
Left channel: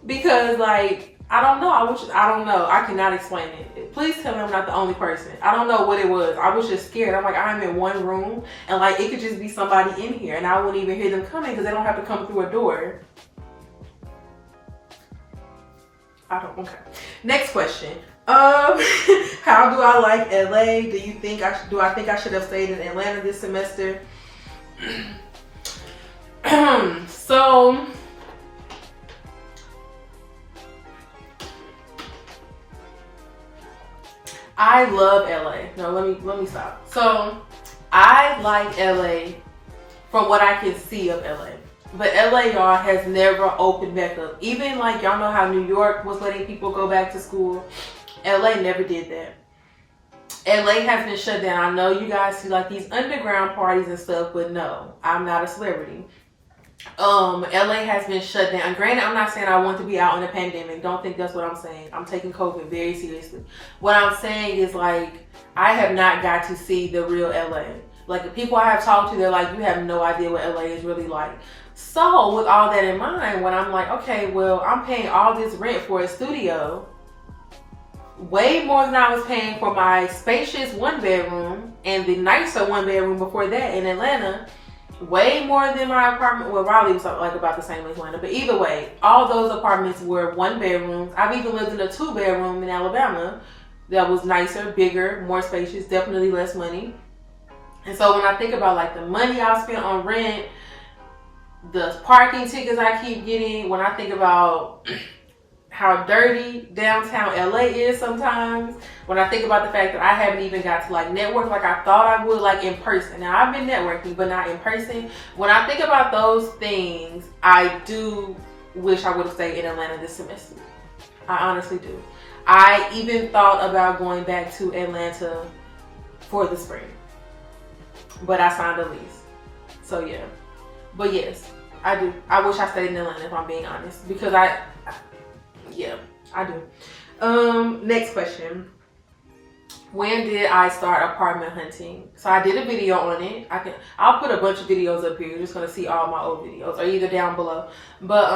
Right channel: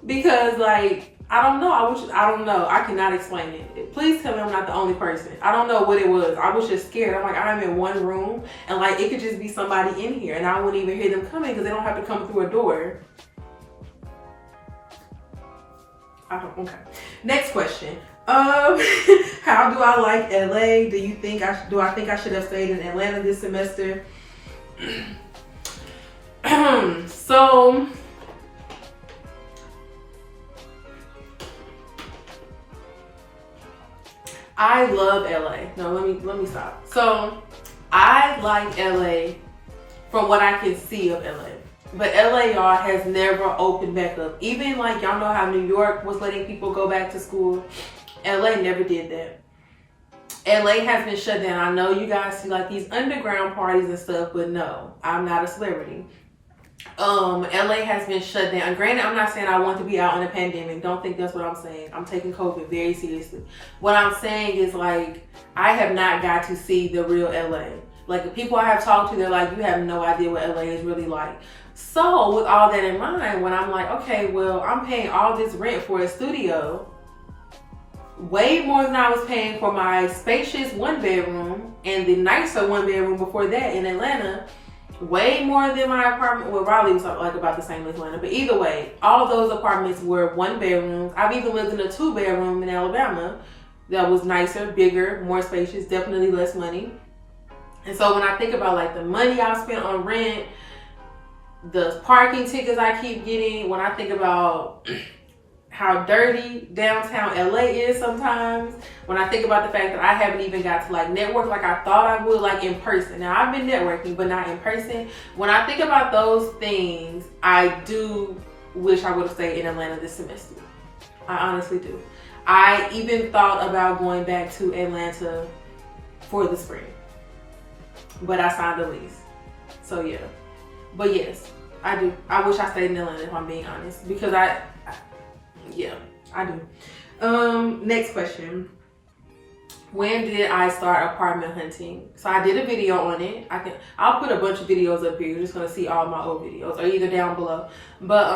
because like, I don't know. I don't know. I cannot explain it. Please tell me I'm not the only person. I don't know what it was. I was just scared. I'm like, I'm in one room and like it could just be somebody in here and I wouldn't even hear them coming because they don't have to come through a door. Okay. Next question. How do I like LA? Do I think I should have stayed in Atlanta this semester? So I love LA. No, let me stop. So I like LA from what I can see of LA. But LA, y'all, has never opened back up. Even like, y'all know how New York was letting people go back to school. LA never did that. LA has been shut down. I know you guys see like these underground parties and stuff, but no, I'm not a celebrity. LA has been shut down. Granted, I'm not saying I want to be out in a pandemic. Don't think that's what I'm saying. I'm taking COVID very seriously. What I'm saying is like, I have not got to see the real LA. Like the people I have talked to, they're like, you have no idea what LA is really like. So with all that in mind, when I'm like, okay, well, I'm paying all this rent for a studio, way more than I was paying for my spacious 1-bedroom and the nicer 1-bedroom before that in Atlanta, way more than my apartment. Well, Raleigh was like about the same as Atlanta, but either way, all those apartments were 1-bedrooms. I've even lived in a 2-bedroom in Alabama that was nicer, bigger, more spacious, definitely less money. And so when I think about like the money I spent on rent, the parking tickets I keep getting, when I think about how dirty downtown LA is sometimes, when I think about the fact that I haven't even got to like network like I thought I would, like in person. Now I've been networking, but not in person. When I think about those things, I do wish I would have stayed in Atlanta this semester. I honestly do. I even thought about going back to Atlanta for the spring, but I signed a lease. So yeah. But yes, I do. I wish I stayed in Atlanta if I'm being honest, because yeah, I do. Next question. When did I start apartment hunting? So I did a video on it. I'll put a bunch of videos up here. You're just gonna see all my old videos, or either down below. But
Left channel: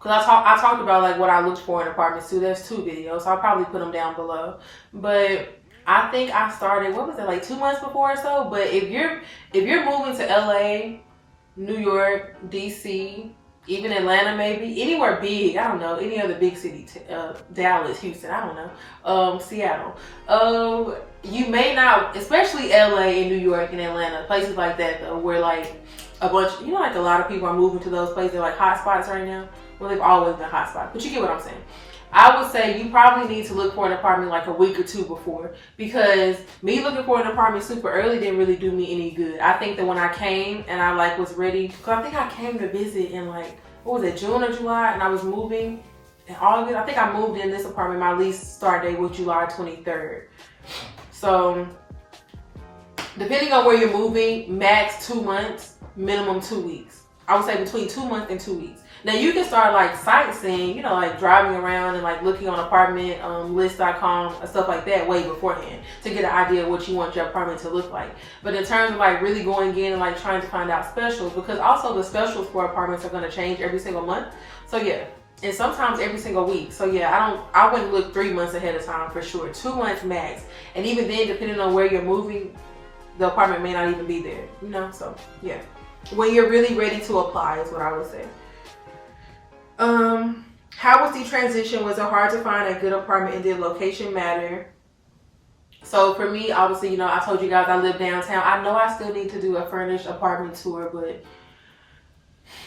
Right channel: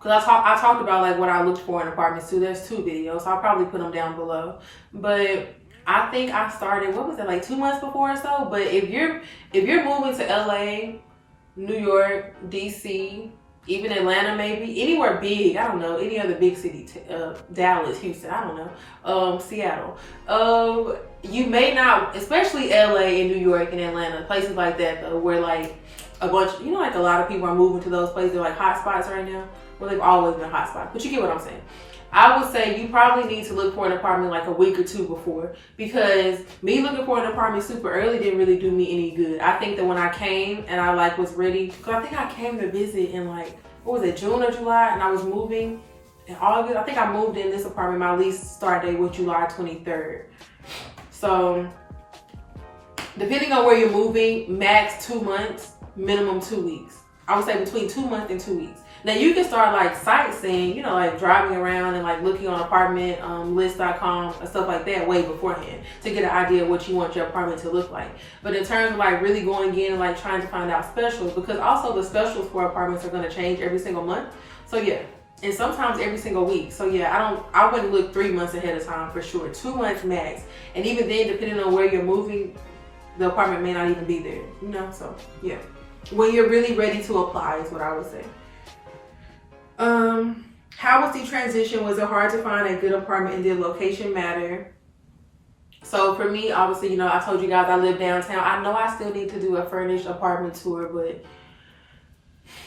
cause I talked about like what I looked for in apartments too. There's 2 videos, so I'll probably put them down below. But I think I started, what was it, like 2 months before or so? But if you're moving to LA, New York, DC, even Atlanta, maybe anywhere big, I don't know, any other big city, Dallas, Houston, I don't know, Seattle, you may not, especially LA and New York and Atlanta, places like that though, where like a bunch, you know, like a lot of people are moving to those places. They're like hot spots right now. Well, they've always been hot spots, but you get what I'm saying. I would say you probably need to look for an apartment like a week or 2 before, because me looking for an apartment super early didn't really do me any good. I think that when I came and I like was ready, because I think I came to visit in like, what was it, June or July, and I was moving in August. I think I moved in this apartment. My lease start date was July 23rd. So depending on where you're moving, max 2 months, minimum 2 weeks. I would say between 2 months and 2 weeks. Now you can start like sightseeing, you know, like driving around and like looking on apartment list.com and stuff like that way beforehand to get an idea of what you want your apartment to look like. But in terms of like really going in and like trying to find out specials, because also the specials for apartments are going to change every single month. So yeah, and sometimes every single week. So yeah, I wouldn't look 3 months ahead of time for sure. 2 months max. And even then, depending on where you're moving, the apartment may not even be there, you know? So yeah, when you're really ready to apply is what I would say. How was the transition? Was it hard to find a good apartment, and did location matter? So for me, obviously, you know, I told you guys I live downtown. I know I still need to do a furnished apartment tour, but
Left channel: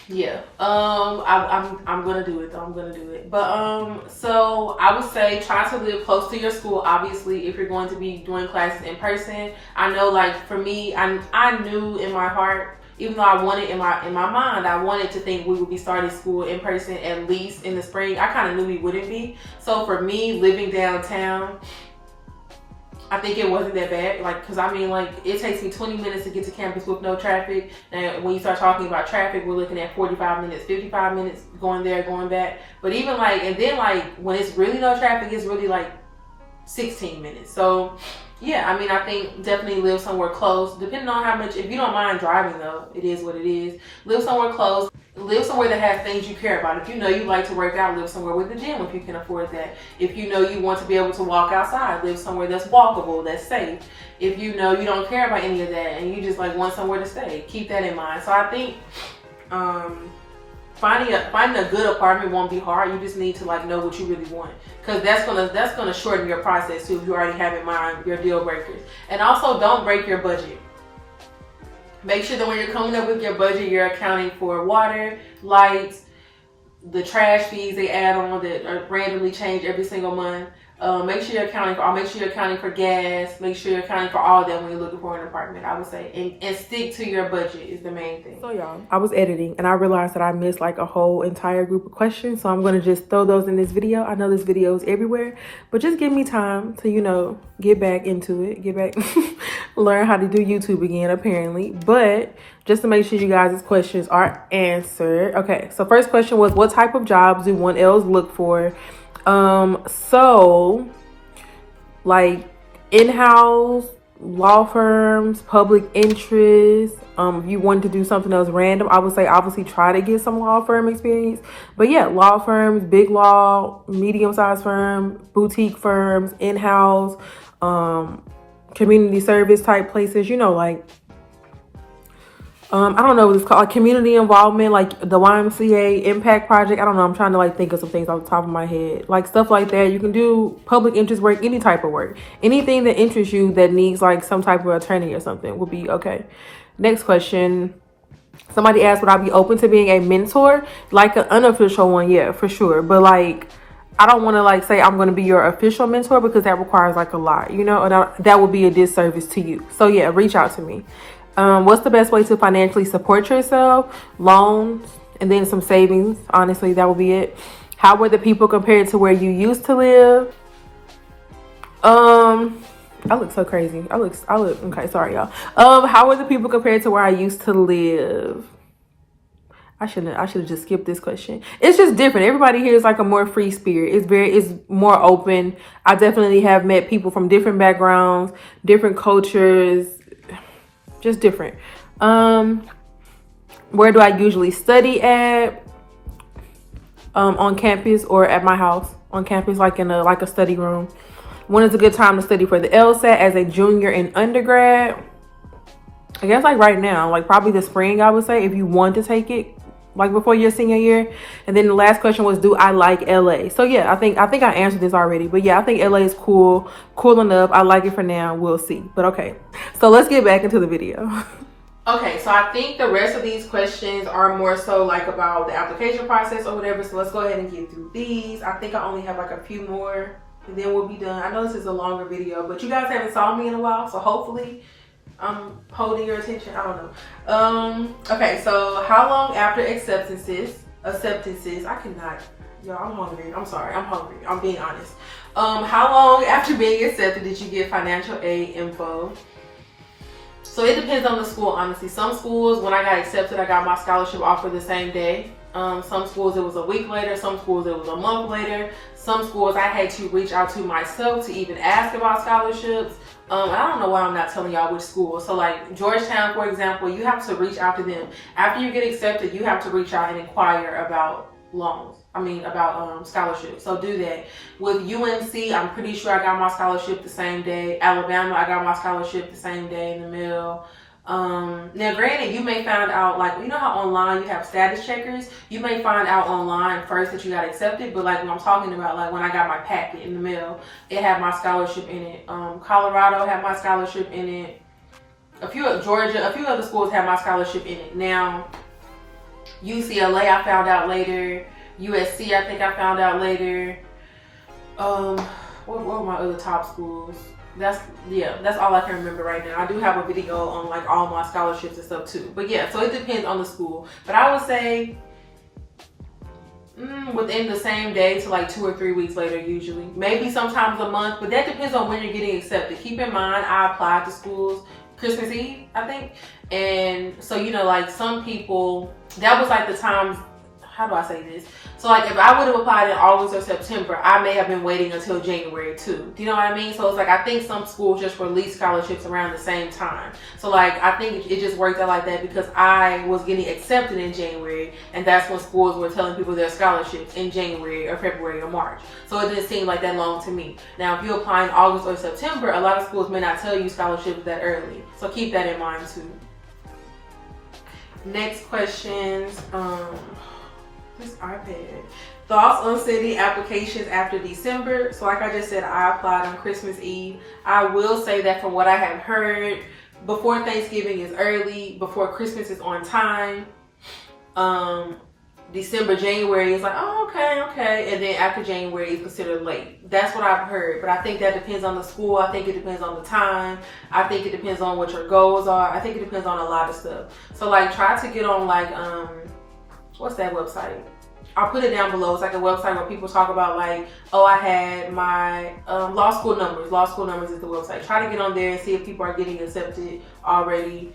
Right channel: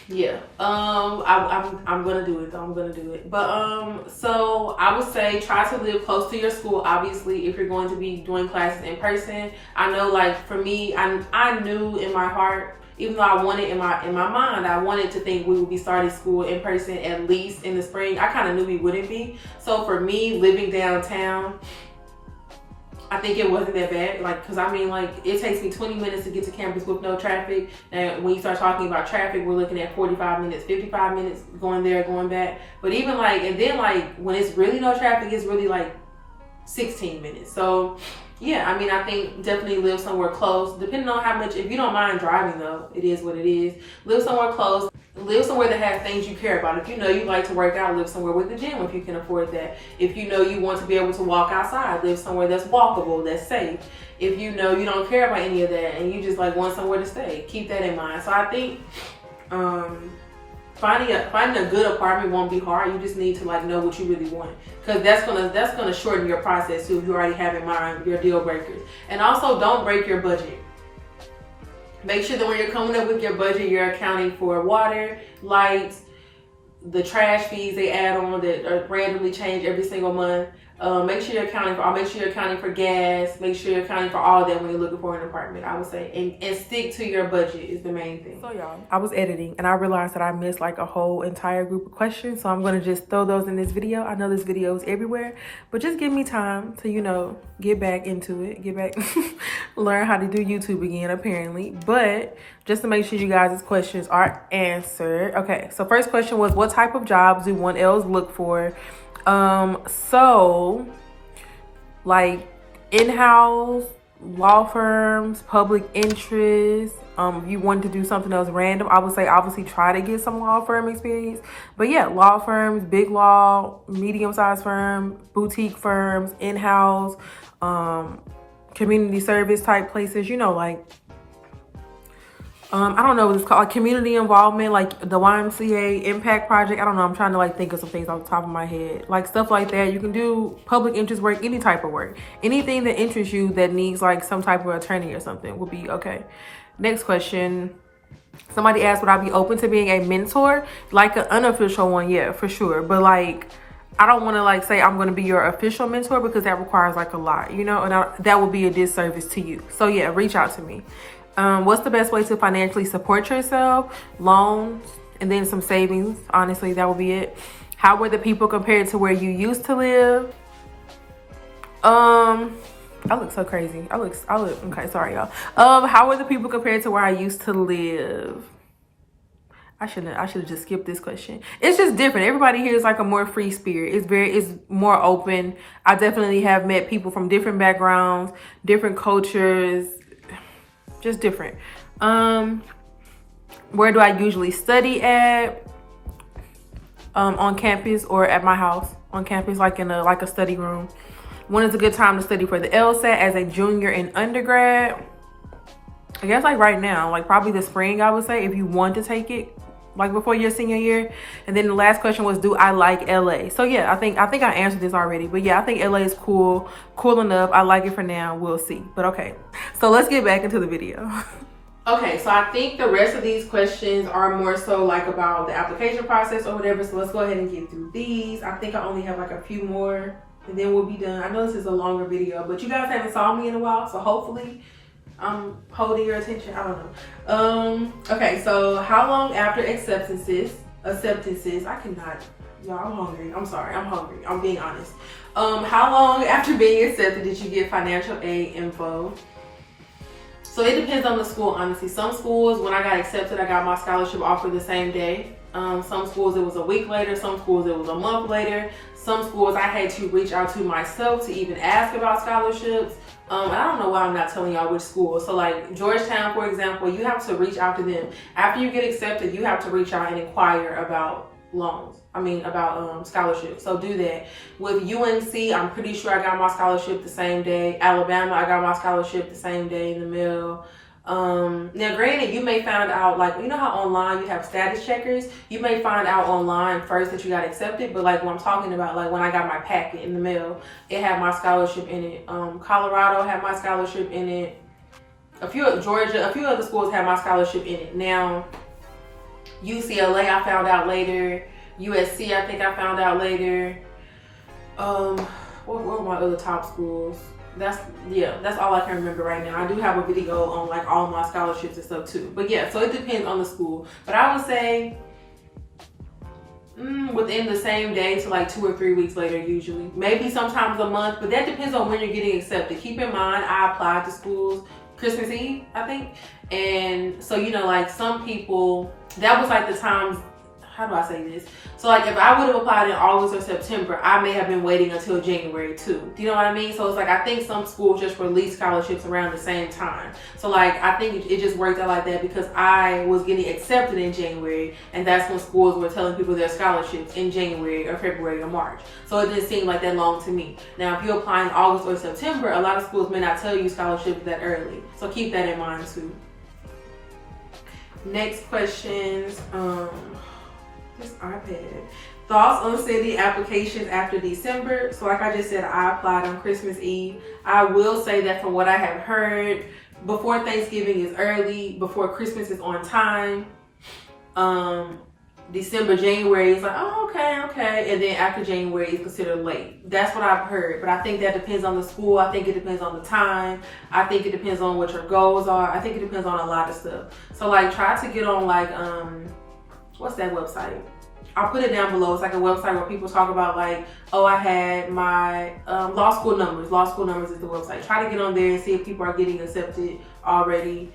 yeah, I'm gonna do it though. I'm gonna do it. But so I would say try to live close to your school. Obviously, if you're going to be doing classes in person. I know, like for me, I knew in my heart, even though I wanted in my mind, I wanted to think we would be starting school in person at least in the spring. I kind of knew we wouldn't be. So for me, living downtown, I think it wasn't that bad. Like, cause I mean, like it takes me 20 minutes to get to campus with no traffic. And when you start talking about traffic, we're looking at 45 minutes, 55 minutes going there, going back. But even like, and then like when it's really no traffic, it's really like 16 minutes. So yeah, I mean, I think definitely live somewhere close, depending on how much, if you don't mind driving though, it is what it is. Live somewhere close, live somewhere that has things you care about. If you know you like to work out, live somewhere with a gym if you can afford that. If you know you want to be able to walk outside, live somewhere that's walkable, that's safe. If you know you don't care about any of that and you just like want somewhere to stay, keep that in mind. So I think finding a good apartment won't be hard. You just need to like know what you really want, because that's gonna shorten your process too if you already have in mind your deal breakers. And also, don't break your budget. Make sure that when you're coming up with your budget, you're accounting for water, lights, the trash fees they add on that are randomly change every single month. Make sure you're accounting for gas. Make sure you're accounting for all that when you're looking for an apartment, I would say. And stick to your budget is the main thing. So y'all, I was editing and I realized that I missed like a whole entire group of questions. So I'm going to just throw those in this video. I know this video is everywhere, but just give me time to, you know, get back into it. Get back, learn how to do YouTube again, apparently. But just to make sure you guys' questions are answered. Okay, so first question was, what type of jobs do 1Ls look for? So like in-house, law firms, public interest. If you want to do something else random, I would say obviously try to get some law firm experience. But yeah, law firms, big law, medium-sized firm, boutique firms, in-house, community service type places, you know, like I don't know what it's called, like community involvement, like the YMCA impact project. I don't know. I'm trying to like think of some things off the top of my head, like stuff like that. You can do public interest work, any type of work, anything that interests you that needs like some type of attorney or something would be okay. Next question. Somebody asked, would I be open to being a mentor? Like an unofficial one, yeah, for sure. But like, I don't want to like say I'm going to be your official mentor because that requires like a lot, you know, and that would be a disservice to you. So yeah, reach out to me. What's the best way to financially support yourself? Loans and then some savings. Honestly, that would be it. How were the people compared to where you used to live? I look so crazy. I look okay, sorry y'all. How were the people compared to where I used to live? I should have just skipped this question. It's just different. Everybody here is like a more free spirit. It's more open. I definitely have met people from different backgrounds, different cultures, just different. Where do I usually study at? On campus or at my house. On campus, like in a study room. When is a good time to study for the LSAT as a junior in undergrad? I guess like right now, like probably the spring, I would say, if you want to take it, like before your senior year. And then the last question was, do I like LA? So yeah, I think I answered this already, but yeah, I think LA is cool enough. I like it for now. We'll see. But okay, so let's get back into the video. Okay, so I think the rest of these questions are more so like about the application process or whatever. So let's go ahead and get through these. I think I only have like a few more and then we'll be done. I know this is a longer video, but you guys haven't saw me in a while, so hopefully I'm holding your attention. I don't know. Okay, so how long after acceptances, I cannot, y'all, I'm hungry. I'm sorry, I'm hungry. I'm being honest. How long after being accepted did you get financial aid info? So it depends on the school, honestly. Some schools, when I got accepted, I got my scholarship offer the same day. Some schools it was a week later, some schools it was a month later. Some schools I had to reach out to myself to even ask about scholarships. And I don't know why I'm not telling y'all which school. So like Georgetown, for example, you have to reach out to them. After you get accepted, you have to reach out and inquire about about scholarships. So do that. With UNC, I'm pretty sure I got my scholarship the same day. Alabama, I got my scholarship the same day in the mail. Now granted, you may find out, like, you know how online you have status checkers, you may find out online first that you got accepted, but like what I'm talking about, like when I got my packet in the mail, it had my scholarship in it. Colorado had my scholarship in it. Georgia, a few other schools had my scholarship in it. Now UCLA I found out later. USC I think I found out later. What were my other top schools? That's all I can remember right now. I do have a video on like all my scholarships and stuff too. But yeah, so it depends on the school. But I would say within the same day to like 2 or 3 weeks later usually. Maybe sometimes a month, but that depends on when you're getting accepted. Keep in mind, I applied to schools Christmas Eve, I think. And so, you know, like some people, that was like the times, how do I say this? So like if I would have applied in August or September, I may have been waiting until January too. Do you know what I mean? So it's like, I think some schools just release scholarships around the same time. So like, I think it just worked out like that because I was getting accepted in January, and that's when schools were telling people their scholarships in January or February or March. So it didn't seem like that long to me. Now, if you apply in August or September, a lot of schools may not tell you scholarships that early. So keep that in mind too. Next questions. This iPad. Thoughts on sending applications after December. So like I just said, I applied on Christmas Eve. I will say that from what I have heard, before Thanksgiving is early, before Christmas is on time. December, January is like, oh, okay. And then after January is considered late. That's what I've heard. But I think that depends on the school. I think it depends on the time. I think it depends on what your goals are. I think it depends on a lot of stuff. So like try to get on like, what's that website? I'll put it down below. It's like a website where people talk about like, oh, I had my law school numbers. Law school numbers is the website. Try to get on there and see if people are getting accepted already.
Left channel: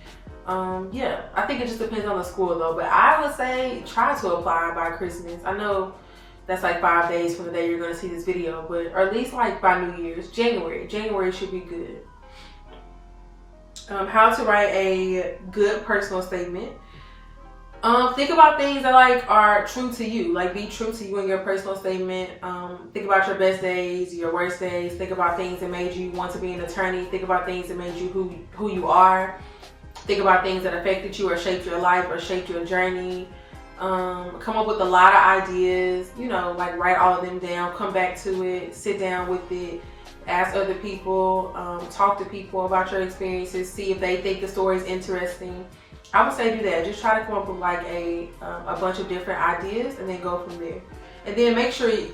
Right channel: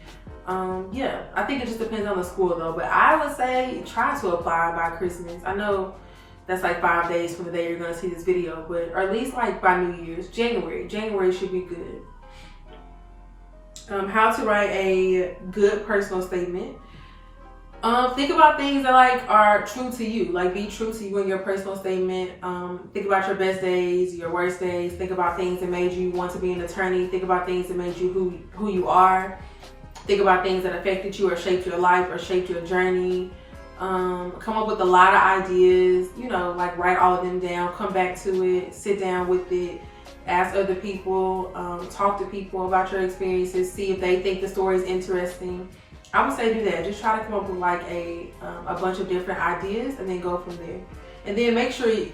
Yeah, I think it just depends on the school though. But I would say try to apply by Christmas. I know that's like 5 days from the day you're gonna see this video, but or at least like by New Year's, January should be good. How to write a good personal statement. Think about things that like are true to you. Like be true to you in your personal statement. Think about your best days, your worst days. Think about things that made you want to be an attorney. Think about things that made you who you are. Think about things that affected you or shaped your life or shaped your journey. Come up with a lot of ideas, you know, like write all of them down, come back to it, sit down with it, ask other people, talk to people about your experiences, see if they think the story is interesting. I would say do that. Just try to come up with like a bunch of different ideas and then go from there. And then make sure you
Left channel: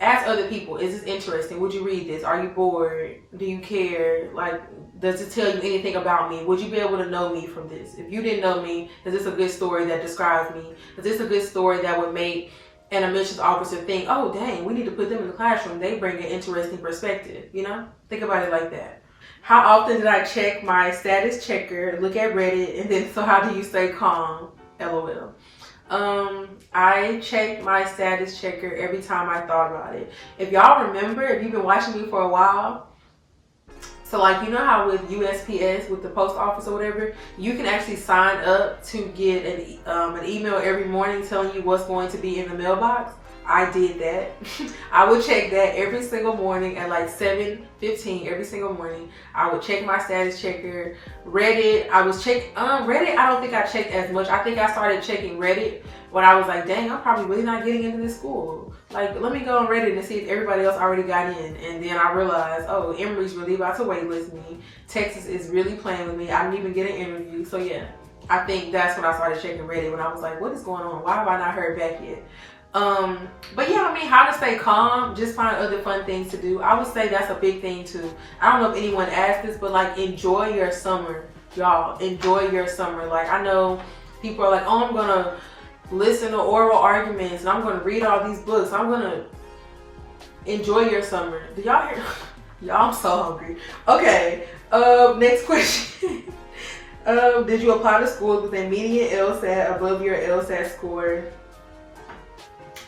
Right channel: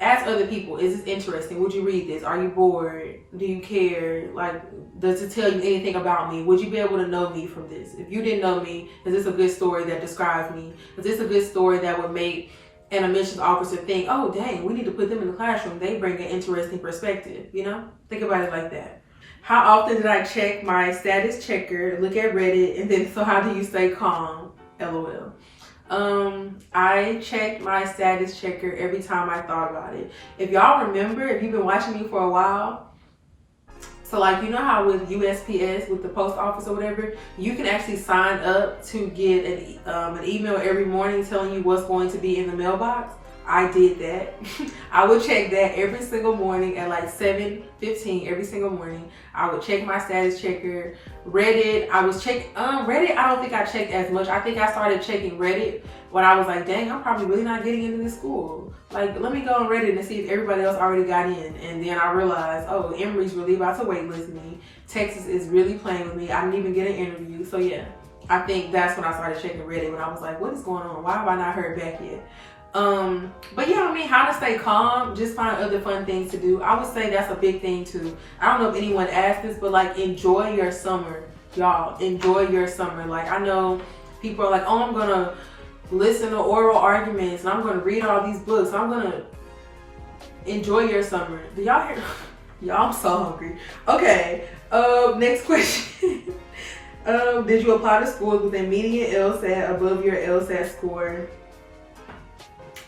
ask other people, is this interesting? Would you read this? Are you bored? Do you care? Like, does it tell you anything about me? Would you be able to know me from this? If you didn't know me, is this a good story that describes me? Is this a good story that would make an admissions officer think, oh dang, we need to put them in the classroom. They bring an interesting perspective, you know? Think about it like that. How often did I check my status checker, look at Reddit, and then so how do you stay calm? LOL. I checked my status checker every time I thought about it. If y'all remember, if you've been watching me for a while, so like, you know how with USPS, with the post office or whatever, you can actually sign up to get an email every morning telling you what's going to be in the mailbox. I did that. I would check that every single morning at like 7:15 every single morning. I would check my status checker. Reddit, I was check Reddit, I don't think I checked as much. I think I started checking Reddit when I was like, dang, I'm probably really not getting into this school. Like, let me go on Reddit and see if everybody else already got in. And then I realized, oh, Emory's really about to waitlist me. Texas is really playing with me. I didn't even get an interview. So yeah, I think that's when I started checking Reddit, when I was like, what is going on? Why have I not heard back yet? But yeah, I mean, how to stay calm, just find other fun things to do. I would say that's a big thing too. I don't know if anyone asked this, but like enjoy your summer, y'all. Enjoy your summer. Like I know people are like, oh, I'm gonna listen to oral arguments and I'm gonna read all these books. I'm gonna enjoy your summer. Do y'all hear? Y'all, I'm so hungry. Okay, next question. Did you apply to schools with a median LSAT above your LSAT score?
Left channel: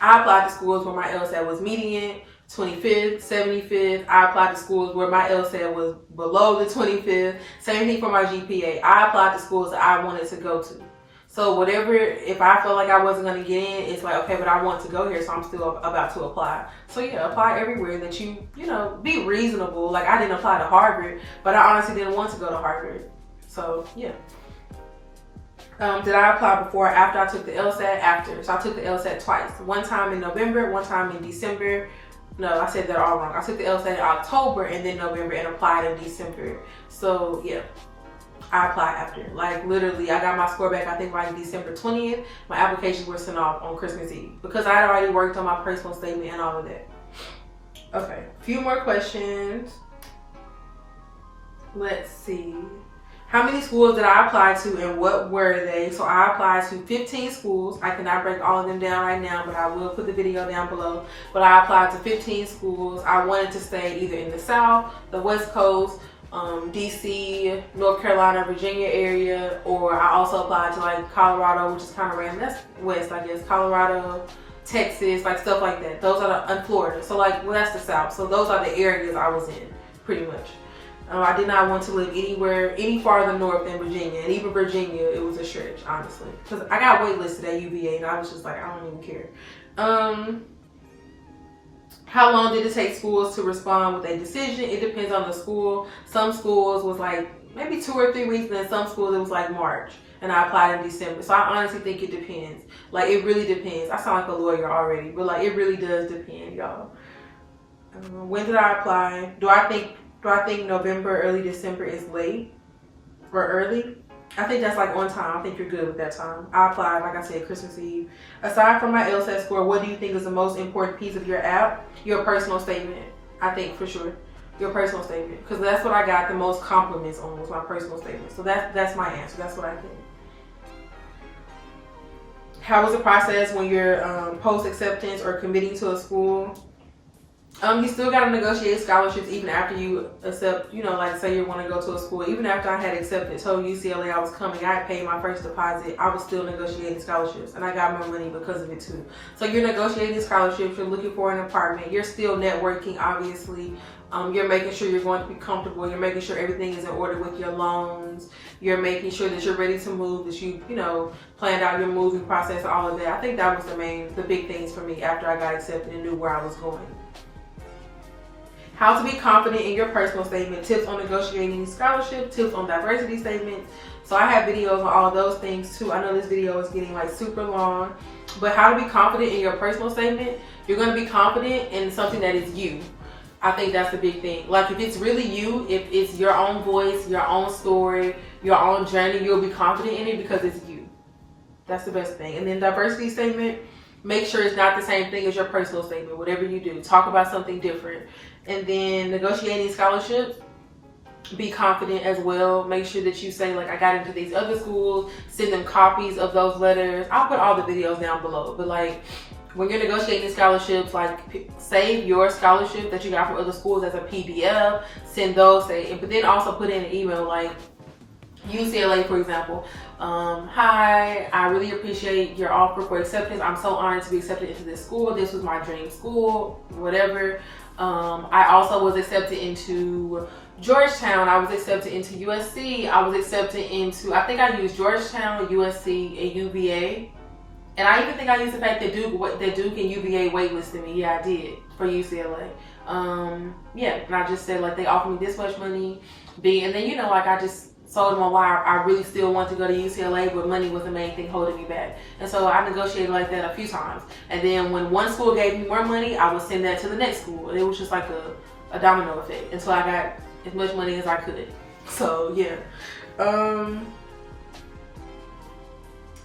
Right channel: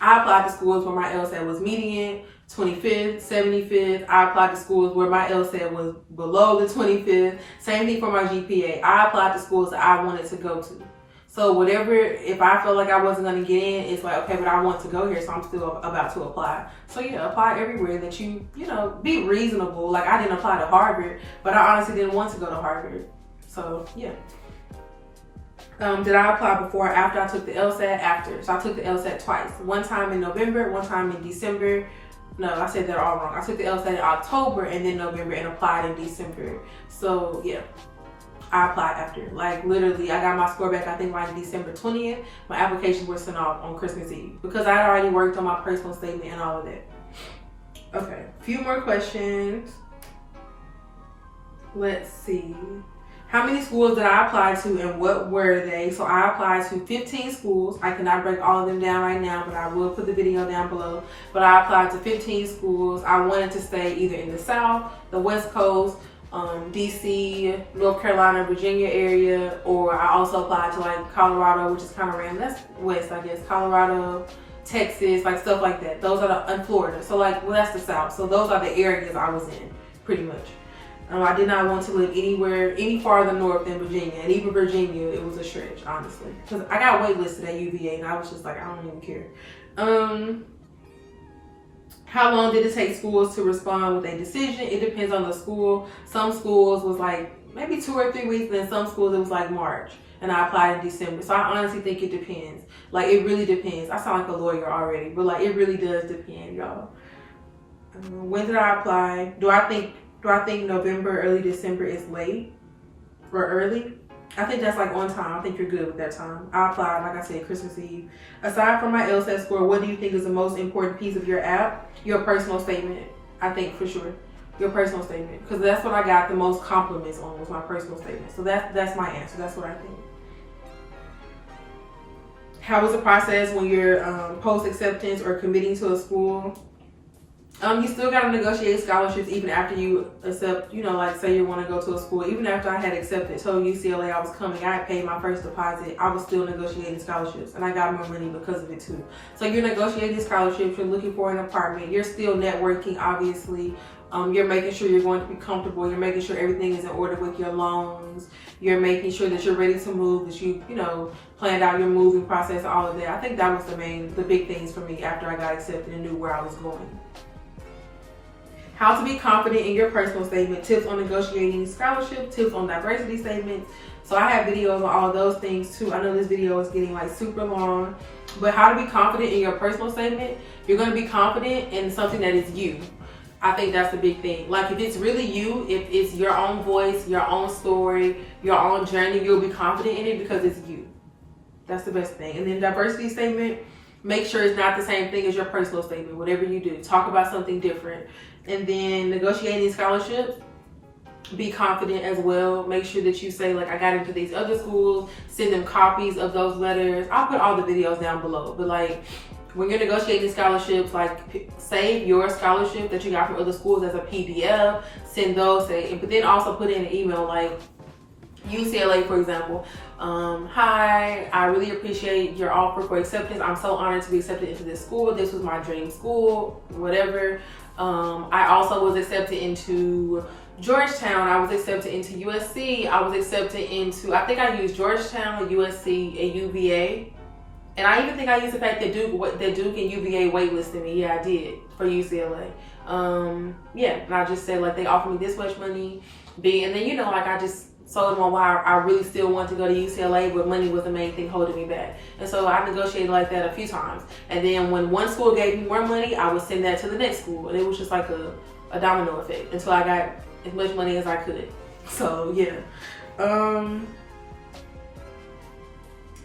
I applied to schools where my LSAT was median, 25th, 75th. I applied to schools where my LSAT was below the 25th. Same thing for my GPA. I applied to schools that I wanted to go to. So whatever, if I felt like I wasn't going to get in, it's like, okay, but I want to go here, so I'm still about to apply. So yeah, apply everywhere that you know, be reasonable. Like I didn't apply to Harvard, but I honestly didn't want to go to Harvard. So yeah. Did I apply before or after I took the LSAT? After. So I took the LSAT twice. One time in November, one time in December. No, I said that all wrong. I took the LSAT in October and then November and applied in December. So yeah, I applied after. Like literally, I got my score back, I think like December 20th. My applications were sent off on Christmas Eve because I had already worked on my personal statement and all of that. Okay, a few more questions. Let's see. How many schools did I apply to and what were they? So I applied to 15 schools. I cannot break all of them down right now, but I will put the video down below. But I applied to 15 schools. I wanted to stay either in the South, the West Coast, DC, North Carolina, Virginia area, or I also applied to like Colorado, which is kind of random. That's West, I guess. Colorado, Texas, like stuff like that. Those are and Florida. So like, well, that's the South. So those are the areas I was in, pretty much. I did not want to live anywhere any farther north than Virginia, and even Virginia, it was a stretch, honestly, because I got waitlisted at UVA, and I was just like, I don't even care. How long did it take schools to respond with a decision? It depends on the school. Some schools was like maybe 2 or 3 weeks, and then some schools it was like March, and I applied in December. So I honestly think it depends. Like it really depends. I sound like a lawyer already, but like it really does depend, y'all. When did I apply? Do I think November, early December is late or early? I think that's like on time. I think you're good with that time. I applied, like I said, Christmas Eve. Aside from my LSAT score, what do you think is the most important piece of your app? Your personal statement. I think for sure. Your personal statement. Because that's what I got the most compliments on, was my personal statement. So that's my answer. That's what I think. How was the process when you're post-acceptance or committing to a school? You still got to negotiate scholarships even after you accept, like say you want to go to a school. Even after I had accepted, told UCLA I was coming, I had paid my first deposit, I was still negotiating scholarships, and I got more money because of it too. So you're negotiating scholarships, you're looking for an apartment, you're still networking, obviously. You're making sure you're going to be comfortable, you're making sure everything is in order with your loans, you're making sure that you're ready to move, that you planned out your moving process, all of that. I think that was the big things for me after I got accepted and knew where I was going. How to be confident in your personal statement, tips on negotiating scholarship, tips on diversity statements. So I have videos on all of those things too. I know this video is getting like super long, but how to be confident in your personal statement, you're going to be confident in something that is you. I think that's the big thing. Like if it's really you, if it's your own voice, your own story, your own journey, you'll be confident in it because it's you. That's the best thing. And then diversity statement, make sure it's not the same thing as your personal statement. Whatever you do, talk about something different. And then negotiating scholarships, be confident as well. Make sure that you say, like, I got into these other schools, send them copies of those letters. I'll put all the videos down below. But like, when you're negotiating scholarships, like save your scholarship that you got from other schools as a PDF, send those, but then also put in an email like, UCLA, for example. Hi, I really appreciate your offer for acceptance. I'm so honored to be accepted into this school. This was my dream school, whatever. I also was accepted into Georgetown. I was accepted into USC. I was accepted into, I think I used Georgetown, USC, and UVA. And I even think I used the fact that Duke and UVA waitlisted me. Yeah, I did for UCLA. Yeah, and I just said like they offered me this much money. And then like I just told them on why I really still want to go to UCLA, but money was the main thing holding me back. And so I negotiated like that a few times. And then when one school gave me more money, I would send that to the next school. And it was just like a domino effect until I got as much money as I could. So yeah.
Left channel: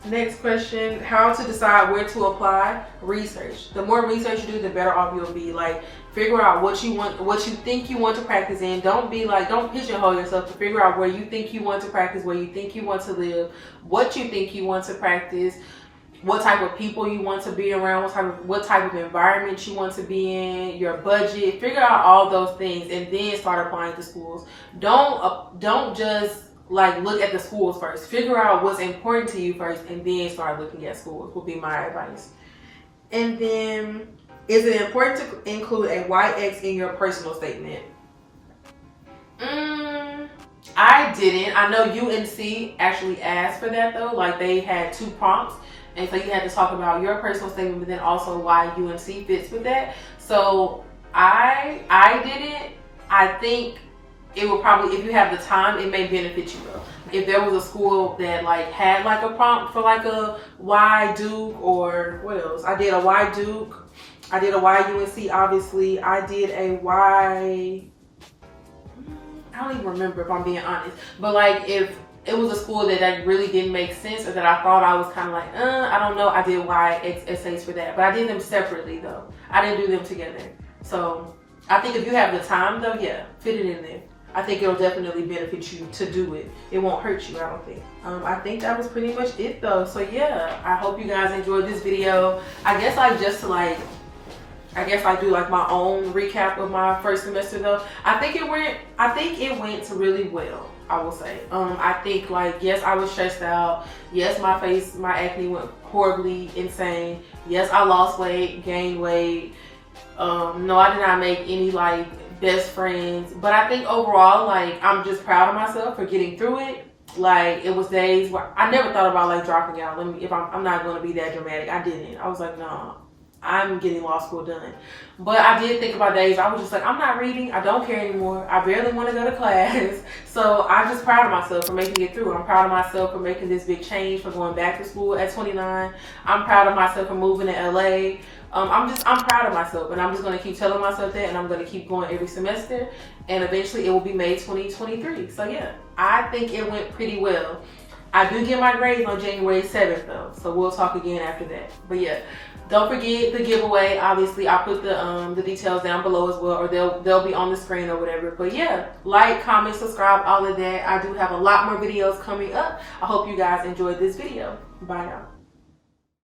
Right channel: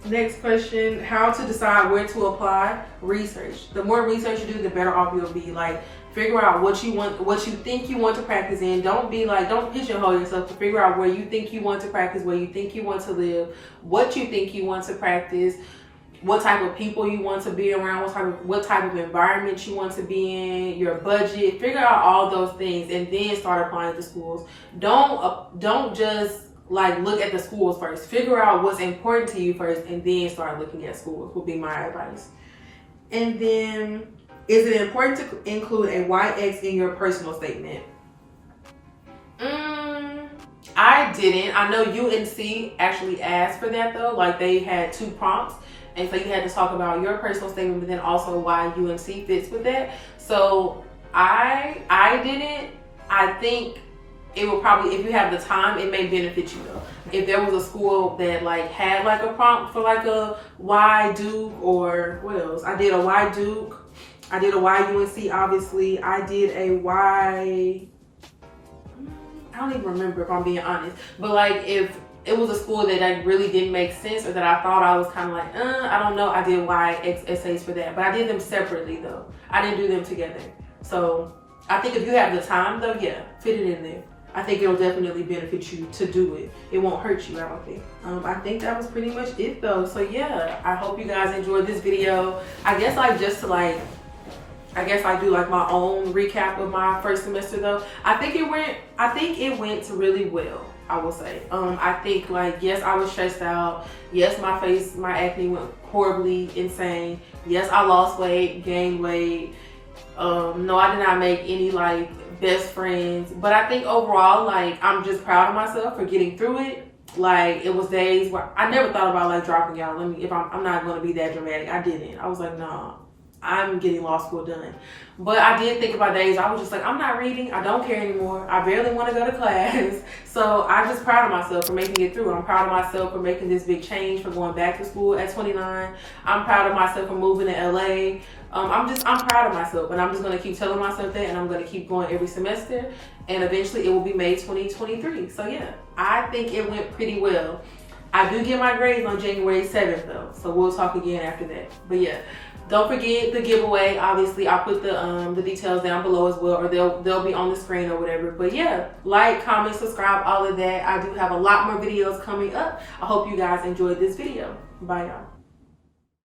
Next question, how to decide where to apply? Research. The more research you do, the better off you'll be. Like, figure out what you want, what you think you want to practice in. Don't pigeonhole yourself, to figure out where you think you want to practice, where you think you want to live, what you think you want to practice, what type of people you want to be around, what type of environment you want to be in, your budget. Figure out all those things and then start applying to schools. Don't just like look at the schools first. Figure out what's important to you first and then start looking at schools, would be my advice. And then, is it important to include a YX in your personal statement? I didn't. I know UNC actually asked for that though. Like they had 2 prompts. And so you had to talk about your personal statement, but then also why UNC fits with that. So I didn't. I think it will probably, if you have the time, it may benefit you though. If there was a school that like had like a prompt for like a Y Duke or what else? I did a Y Duke. I did a Y UNC, obviously. I did a Y, I don't even remember if I'm being honest. But like if it was a school that like really didn't make sense or that I thought I was kind of like, I don't know, I did YX essays for that. But I did them separately though. I didn't do them together. So I think if you have the time though, yeah, fit it in there. I think it'll definitely benefit you to do it. It won't hurt you, I don't think. I think that was pretty much it though. So yeah, I hope you guys enjoyed this video. I guess I do like my own recap of my first semester though. I think it went really well, I will say. I think like, yes, I was stressed out. Yes, my acne went horribly insane. Yes, I lost weight, gained weight. No, I did not make any like best friends, but I think overall, like, I'm just proud of myself for getting through it. Like, it was days where I never thought about like dropping out. I'm not going to be that dramatic. I didn't. I was like, no, I'm getting law school done. But I did think about days I was just like, I'm not reading. I don't care anymore. I barely want to go to class. So I'm just proud of myself for making it through. I'm proud of myself for making this big change, for going back to school at 29. I'm proud of myself for moving to LA. I'm proud of myself, and I'm just going to keep telling myself that, and I'm going to keep going every semester, and eventually it will be May 2023. So yeah, I think it went pretty well. I do get my grades on January 7th though, so we'll talk again after that. But yeah, don't forget the giveaway. Obviously, I'll put the details down below as well, or they'll be on the screen or whatever. But yeah, like, comment, subscribe, all of that. I do have a lot more videos coming up. I hope you guys enjoyed this video. Bye now.